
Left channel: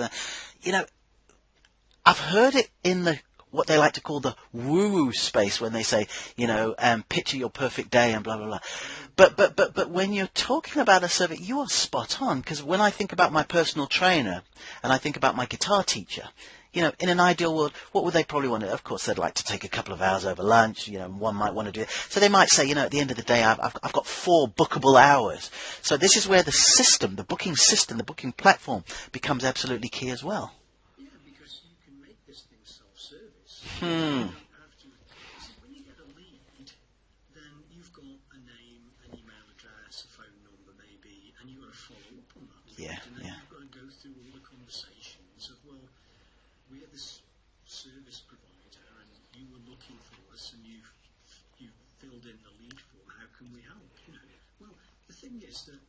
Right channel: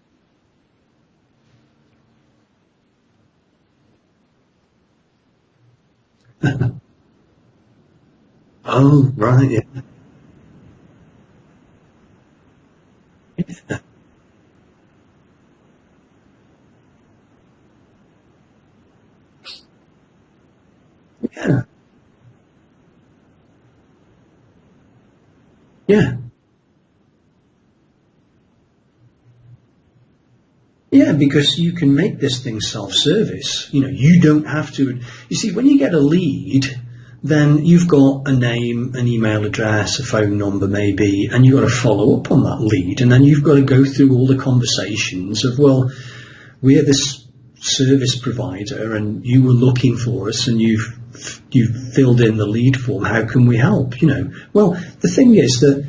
I've heard it in the what they like to call the woo-woo space when they say, picture your perfect day and blah, blah, blah. Oh, but when you're talking about a survey, you are spot on, because when I think about my personal trainer and I think about my guitar teacher, in an ideal world, what would they probably want to do? Of course, they'd like to take a couple of hours over lunch, one might want to do it. So they might say, at the end of the day, I've got 4 bookable hours. So this is where the system, the booking platform becomes absolutely key as well. Yeah, because you can make this thing self-service. You don't have to. You see, when you get a lead, then you've got a name, an email address, a phone number maybe, and you've got to follow up on that lead. And then you've got to go through all the conversations of, well, we're this service provider and you were looking for us and you've filled in the lead form. How can we help? Well, the thing is that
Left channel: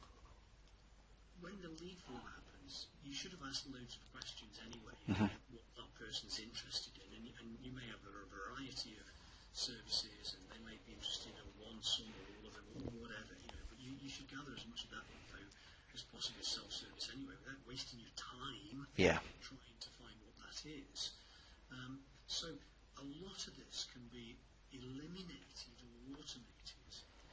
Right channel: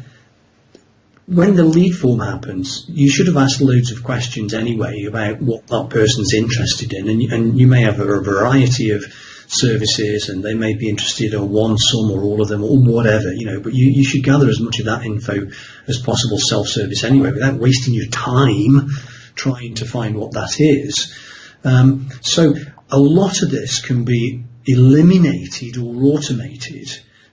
when the lead form happens, you should have asked loads of questions anyway about what that person's interested in, and you may have a variety of services, and they may be interested in one, some, or all of them, or whatever, but you should gather as much of that info as possible self-service anyway, without wasting your time trying to find what that is. So a lot of this can be eliminated or automated.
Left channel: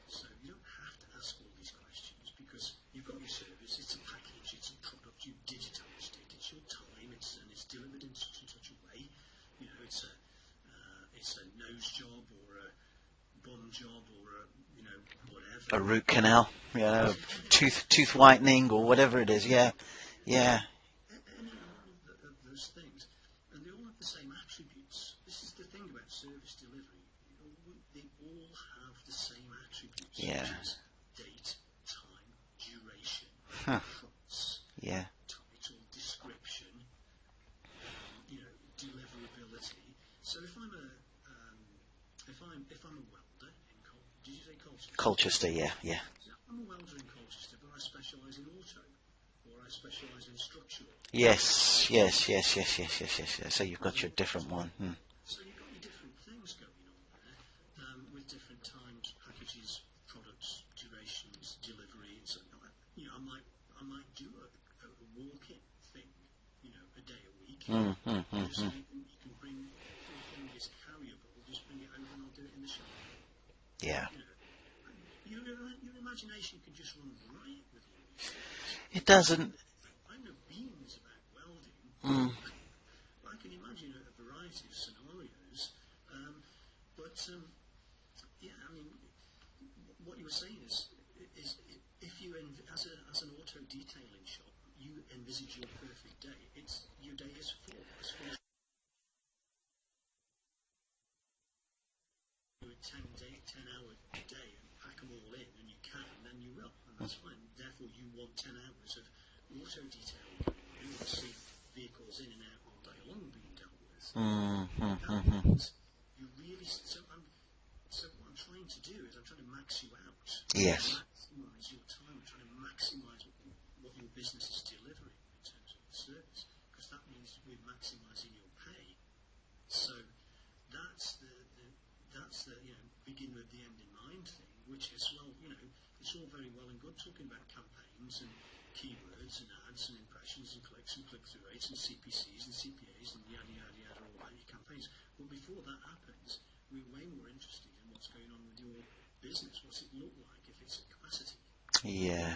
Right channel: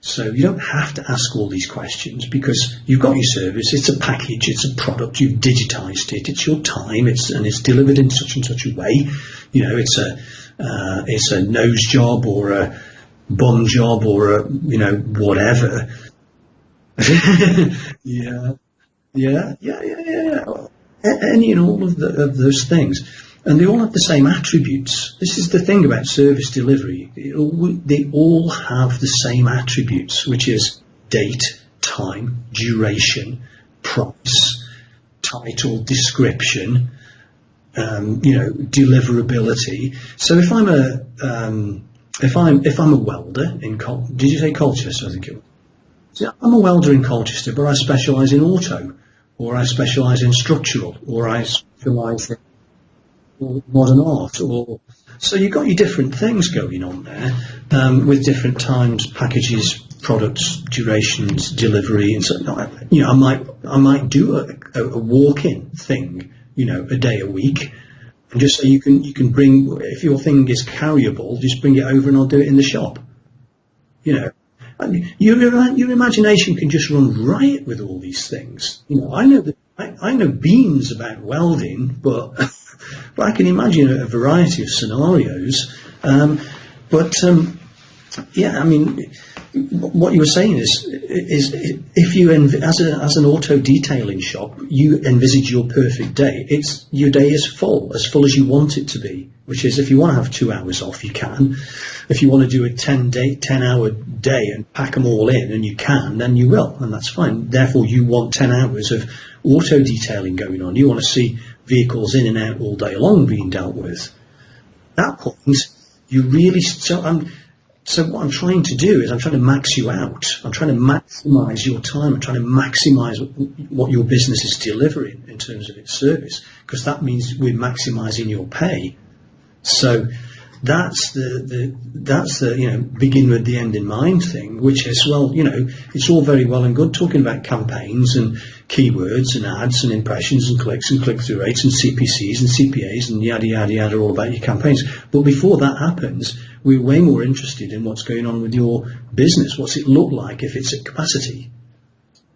So you don't have to ask all these questions because you've got your service, it's a package, it's a product, you've digitized it, it's your time, and it's delivered in such and such a way. It's a nose job or a bum job or a, whatever. A root canal, tooth whitening or whatever it is. Yeah. Any and all of those things. And they all have the same attributes. This is the thing about service delivery. They all have the same attributes, which is date, time, duration, price, title, description, deliverability. So if I'm a welder in did you say Colchester? Colchester, yeah. So I'm a welder in Colchester, but I specialise in auto. Or I specialise in structural, or I specialise in modern art. So you've got your different things going on there, with different times, packages, products, durations, delivery, and so I might do a walk-in thing, a day a week, and just so you can bring, if your thing is carryable, just bring it over and I'll do it in the shop. your imagination can just run riot with all these things. It I does. know I know beans about welding, but but I can imagine a variety of scenarios. But yeah, I mean, what you were saying is if you as an auto detailing shop, you envisage your perfect day. It's your day is full as you want it to be. Which is, if you want to have 2 hours off, you can. If you want to do a 10-hour day and pack them all in, and you can, then you will, and that's fine. Therefore, you want 10 hours of auto detailing going on. You want to see vehicles in and out all day long being dealt with. At that point, you really so what I'm trying to do is I'm trying to max you out. I'm trying to maximise your time. I'm trying to maximise what your business is delivering in terms of its service, because that means we're maximising your pay. So that's the begin with the end in mind thing, which is, well, it's all very well and good talking about campaigns and keywords and ads and impressions and clicks and click-through rates and CPCs and CPAs and yada yada yada, all about your campaigns. But before that happens, we're way more interested in what's going on with your business. What's it look like if it's at capacity? Yeah,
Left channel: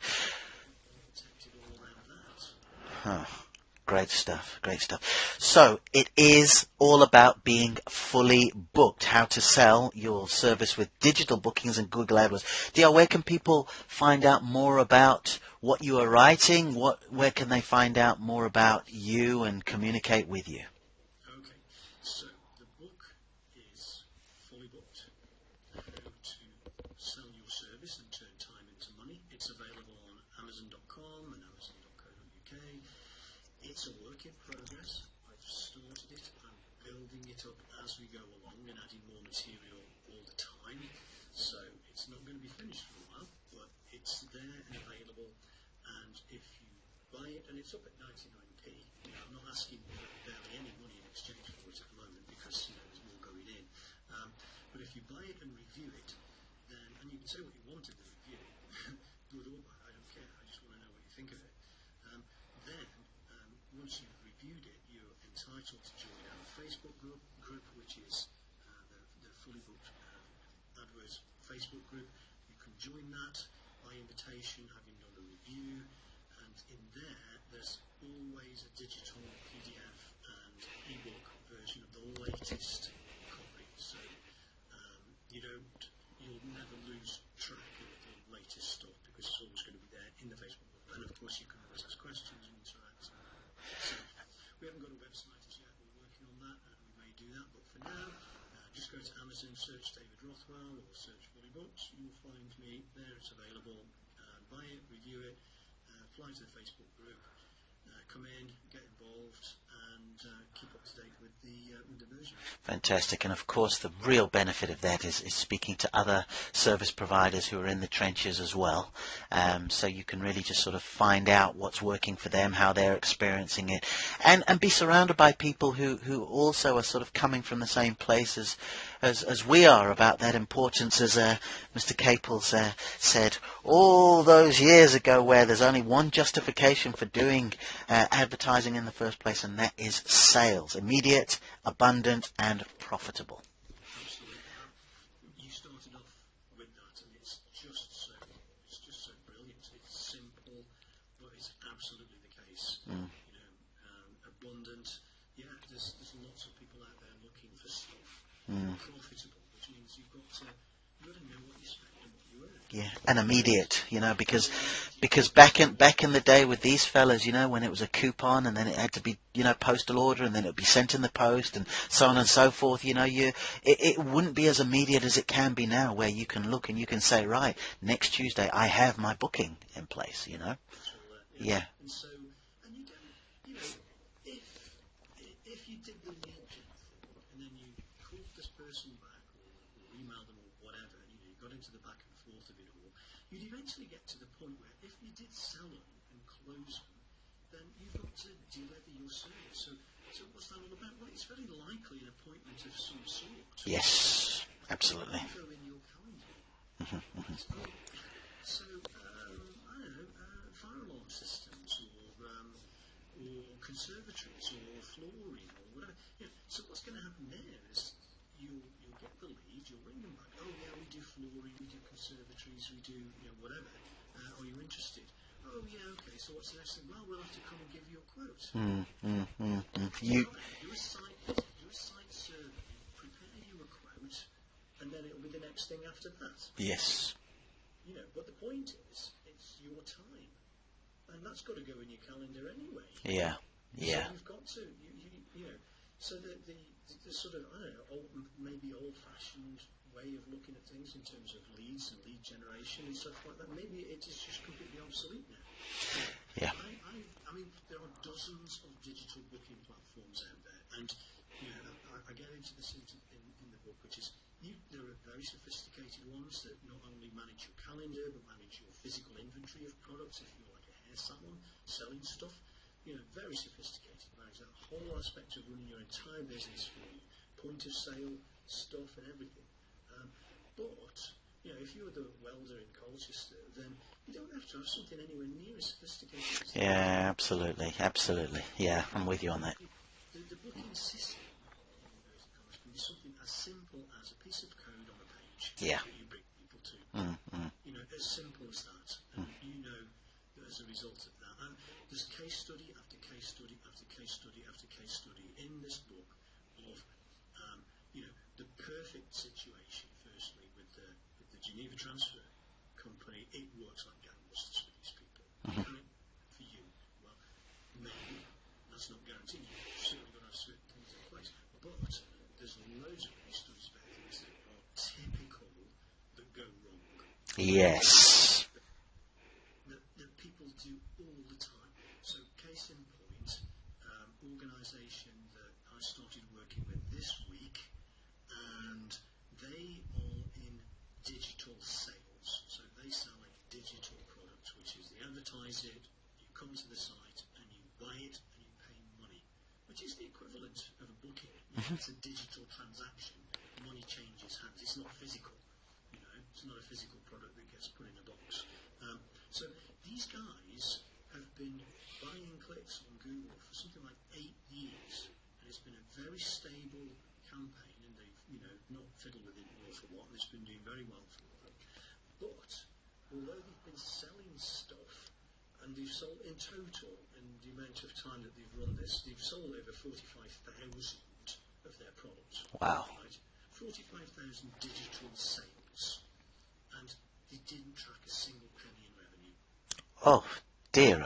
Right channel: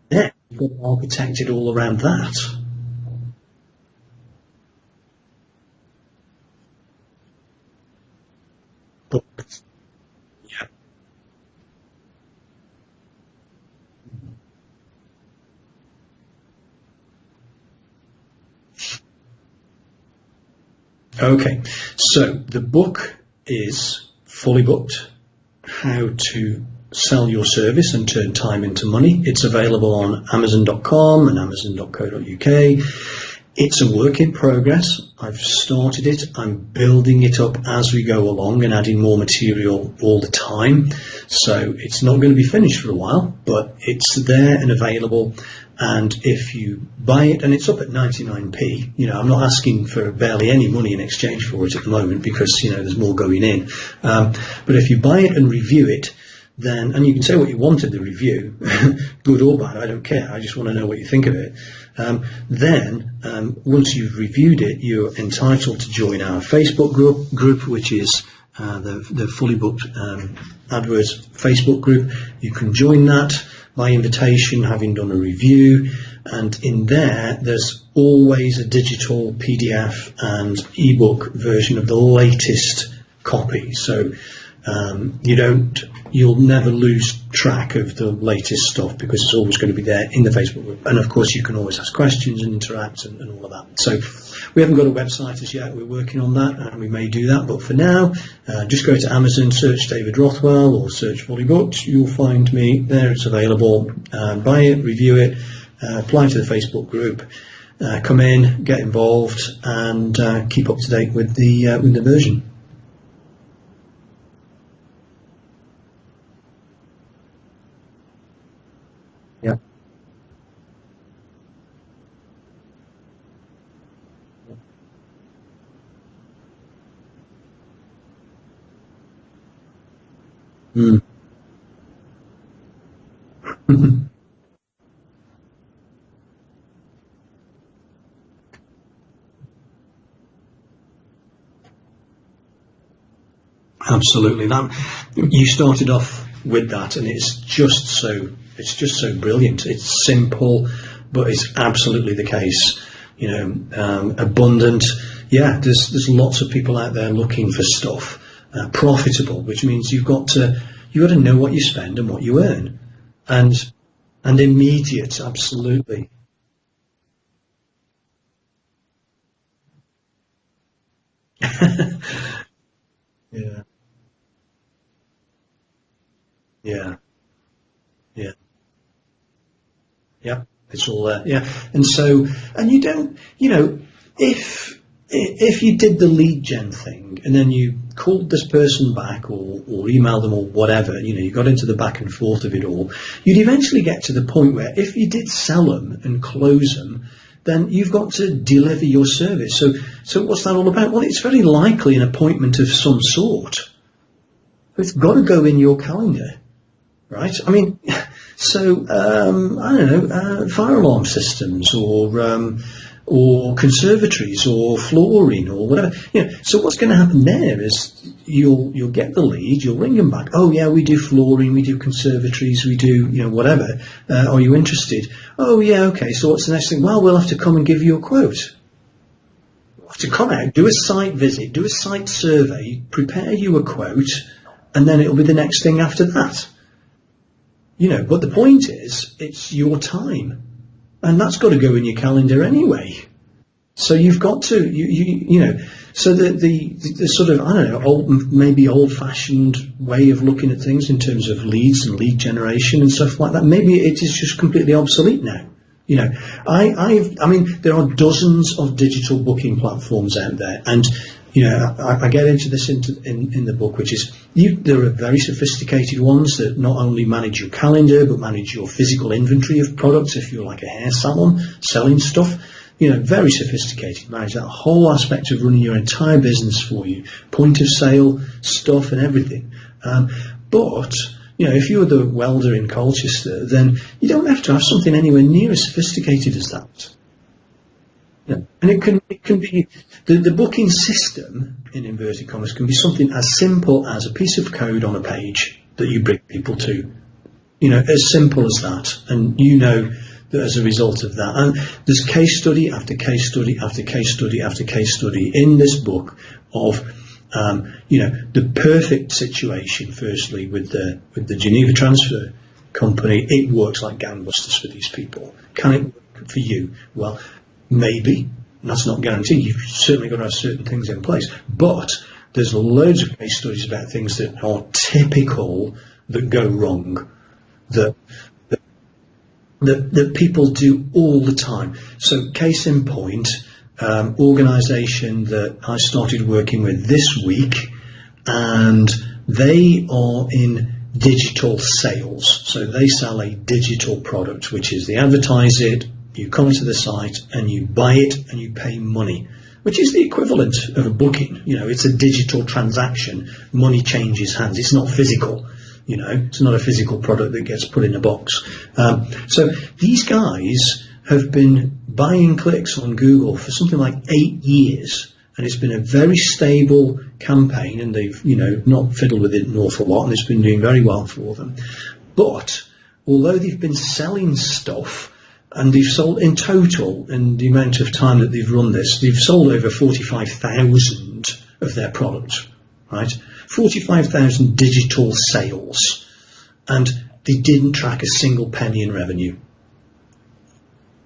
you've got to architect it all around that. Great stuff, great stuff. So it is all about being fully booked, how to sell your service with digital bookings and Google AdWords. DR, where can people find out more about what you are writing? Where can they find out more about you and communicate with you? Okay, so the book is Fully Booked, How to Sell Your Service and Turn Time into Money. It's available on Amazon.com and Amazon.co.uk. It's a work in progress. I've started it. I'm building it up as we go along and adding more material all the time. So it's not going to be finished for a while, but it's there and available. And if you buy it, and it's up at 99p, I'm not asking for barely any money in exchange for it at the moment because, there's more going in. But if you buy it and review it, then, and you can say what you want of the review, good or bad, I don't care. I just want to know what you think of it. Then, once you've reviewed it, you're entitled to join our Facebook group, which is the Fully Booked AdWords Facebook group. You can join that by invitation, having done a review. And in there's always a digital PDF and ebook version of the latest copy. So you'll never lose track of the latest stuff because it's always going to be there in the Facebook group. And of course, you can always ask questions and interact and all of that. So we haven't got a website as yet. We're working on that, and we may do that. But for now, just go to Amazon, search David Rothwell or search Fully Booked. You'll find me there. It's available. Buy it, review it, apply to the Facebook group, come in, get involved, and keep up to date with the version. Fantastic. And of course, the real benefit of that is speaking to other service providers who are in the trenches as well. So you can really just sort of find out what's working for them, how they're experiencing it, and be surrounded by people who also are sort of coming from the same place as we are about that importance, as Mr. Caples said all those years ago, where there's only one justification for doing advertising in the first place, and that is sales, immediate, abundant, and profitable. Absolutely. You started off with that, and it's just so brilliant. It's simple, but it's absolutely the case. Abundant. Yeah, there's lots of people out there looking for stuff. Profitable, which means you've got to know what you spend and what you earn. Yeah. And immediate, because back in the day with these fellas, when it was a coupon and then it had to be, postal order, and then it would be sent in the post, and so on and so forth, it wouldn't be as immediate as it can be now, where you can look and you can say, right, next Tuesday I have my booking in place. Yeah, it's all there. Yeah. And so, and you don't, if you did the lead gen thing and then you called this person back or emailed them or whatever, you got into the back and forth of it all, you'd eventually get to the point where if you did sell them and close them, then you've got to deliver your service. So what's that all about? Well, it's very likely an appointment of some sort. Yes. It's got to go in your calendar, right? I mean, so, I don't know, fire alarm systems or or conservatories or flooring or whatever. So what's going to happen there is you'll get the lead, you'll ring them back. Oh yeah, we do flooring, we do conservatories, we do whatever. Are you interested? Oh yeah, okay. So what's the next thing? Well, we'll have to come and give you a quote. To come out, do a site visit, do a site survey, prepare you a quote, and then it'll be the next thing after that. Yes. But the point is, it's your time, and that's got to go in your calendar anyway. Yeah. So you've got to, so the sort of, I don't know, maybe old-fashioned way of looking at things in terms of leads and lead generation and stuff like that, maybe it is just completely obsolete now. I mean, there are dozens of digital booking platforms out there, and I get into this in the book, which is there are very sophisticated ones that not only manage your calendar but manage your physical inventory of products. If you're like a hair salon selling stuff, very sophisticated, manage that whole aspect of running your entire business for you, point of sale stuff and everything. But if you're the welder in Colchester, then you don't have to have something anywhere near as sophisticated as that. Yeah, absolutely. Yeah, and it can be the booking system in inverted commas can be something as simple as a piece of code on a page that you bring people to. As simple as that, and that as a result of that, and there's case study after case study after case study after case study in this book of the perfect situation. Firstly, with the Geneva Transfer Company, it works like gangbusters for these people. Can it work for you? Well, maybe. That's not guaranteed. You've certainly got to have certain things in place. But there's loads of case studies about things that are typical that go wrong. Yes. That people do all the time. So, case in point. Organisation that I started working with this week, and they are in digital sales. So they sell a digital product, which is they advertise it, you come to the site and you buy it and you pay money, which is the equivalent of a booking. It's a digital transaction. Money changes hands. It's not physical. It's not a physical product that gets put in a box. So these guys have been buying clicks on Google for something like 8 years, and it's been a very stable campaign, and they've not fiddled with it an awful lot, and it's been doing very well for them. But although they've been selling stuff, and they've sold in total, in the amount of time that they've run this, they've sold over 45,000 of their products. Wow. Right? 45,000 digital sales, and they didn't track a single penny in revenue. Oh dear.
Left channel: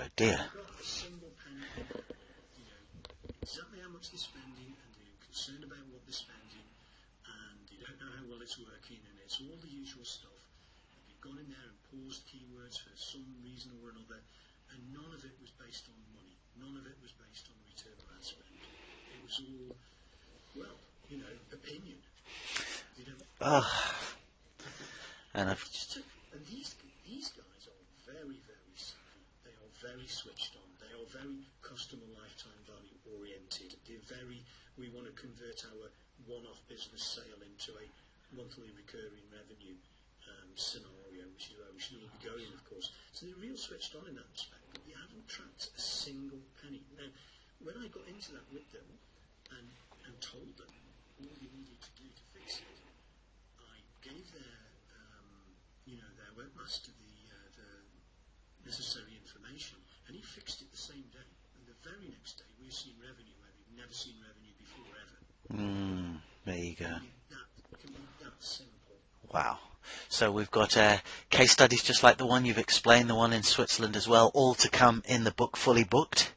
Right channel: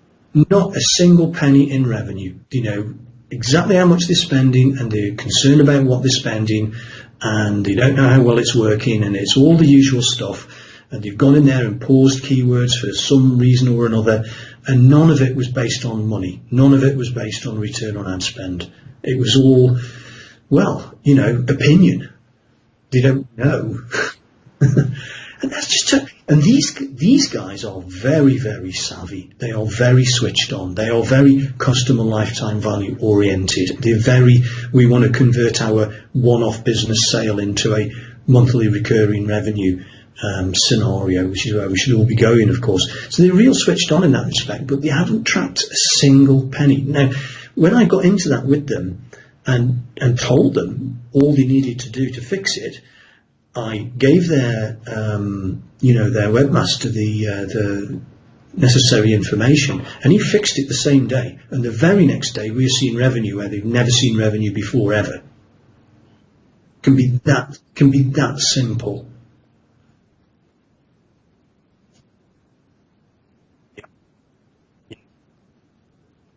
Not a single penny in revenue. Exactly how much they're spending, and they're concerned about what they're spending, and they don't know how well it's working, and it's all the usual stuff. And they've gone in there and paused keywords for some reason or another, and none of it was based on money. None of it was based on return on ad spend. It was all, opinion. They don't know. And that's just and these guys are very, very savvy. They are very switched on. They are very customer lifetime value oriented. We want to convert our one-off business sale into a monthly recurring revenue scenario, which is where we should all be going, of course. So they're real switched on in that respect, but they haven't tracked a single penny. Now, when I got into that with them and told them all they needed to do to fix it, I gave their webmaster the necessary information, and he fixed it the same day. And the very next day, we were seeing revenue where they've never seen revenue before ever. There you go. Can be that simple. Wow. So we've got case studies just like the one you've explained, the one in Switzerland as well, all to come in the book, Fully Booked.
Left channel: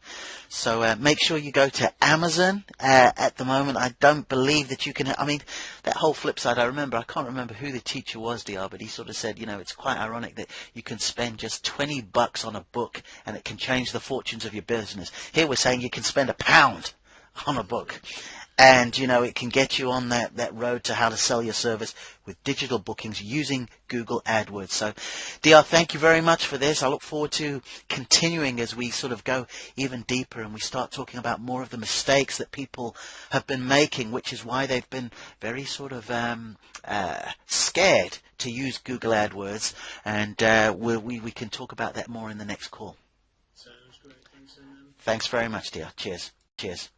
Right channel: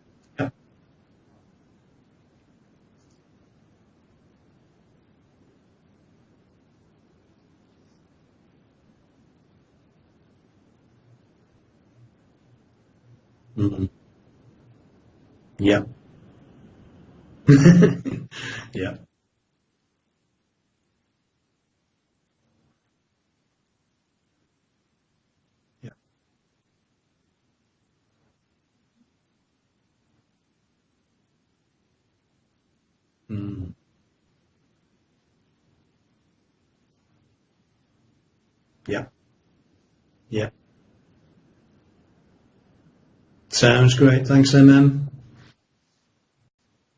So make sure you go to Amazon. At the moment, I don't believe that you can. I mean, that whole flip side, I can't remember who the teacher was, DR, but he sort of said, it's quite ironic that you can spend just $20 on a book and it can change the fortunes of your business. Here we're saying you can spend £1 on a book. And, it can get you on that road to how to sell your service with digital bookings using Google AdWords. So, DR, thank you very much for this. I look forward to continuing as we sort of go even deeper and we start talking about more of the mistakes that people have been making, which is why they've been very sort of scared to use Google AdWords. And we can talk about that more in the next call. Sounds great. Thanks, MM. Thanks very much, dear. Cheers. Cheers.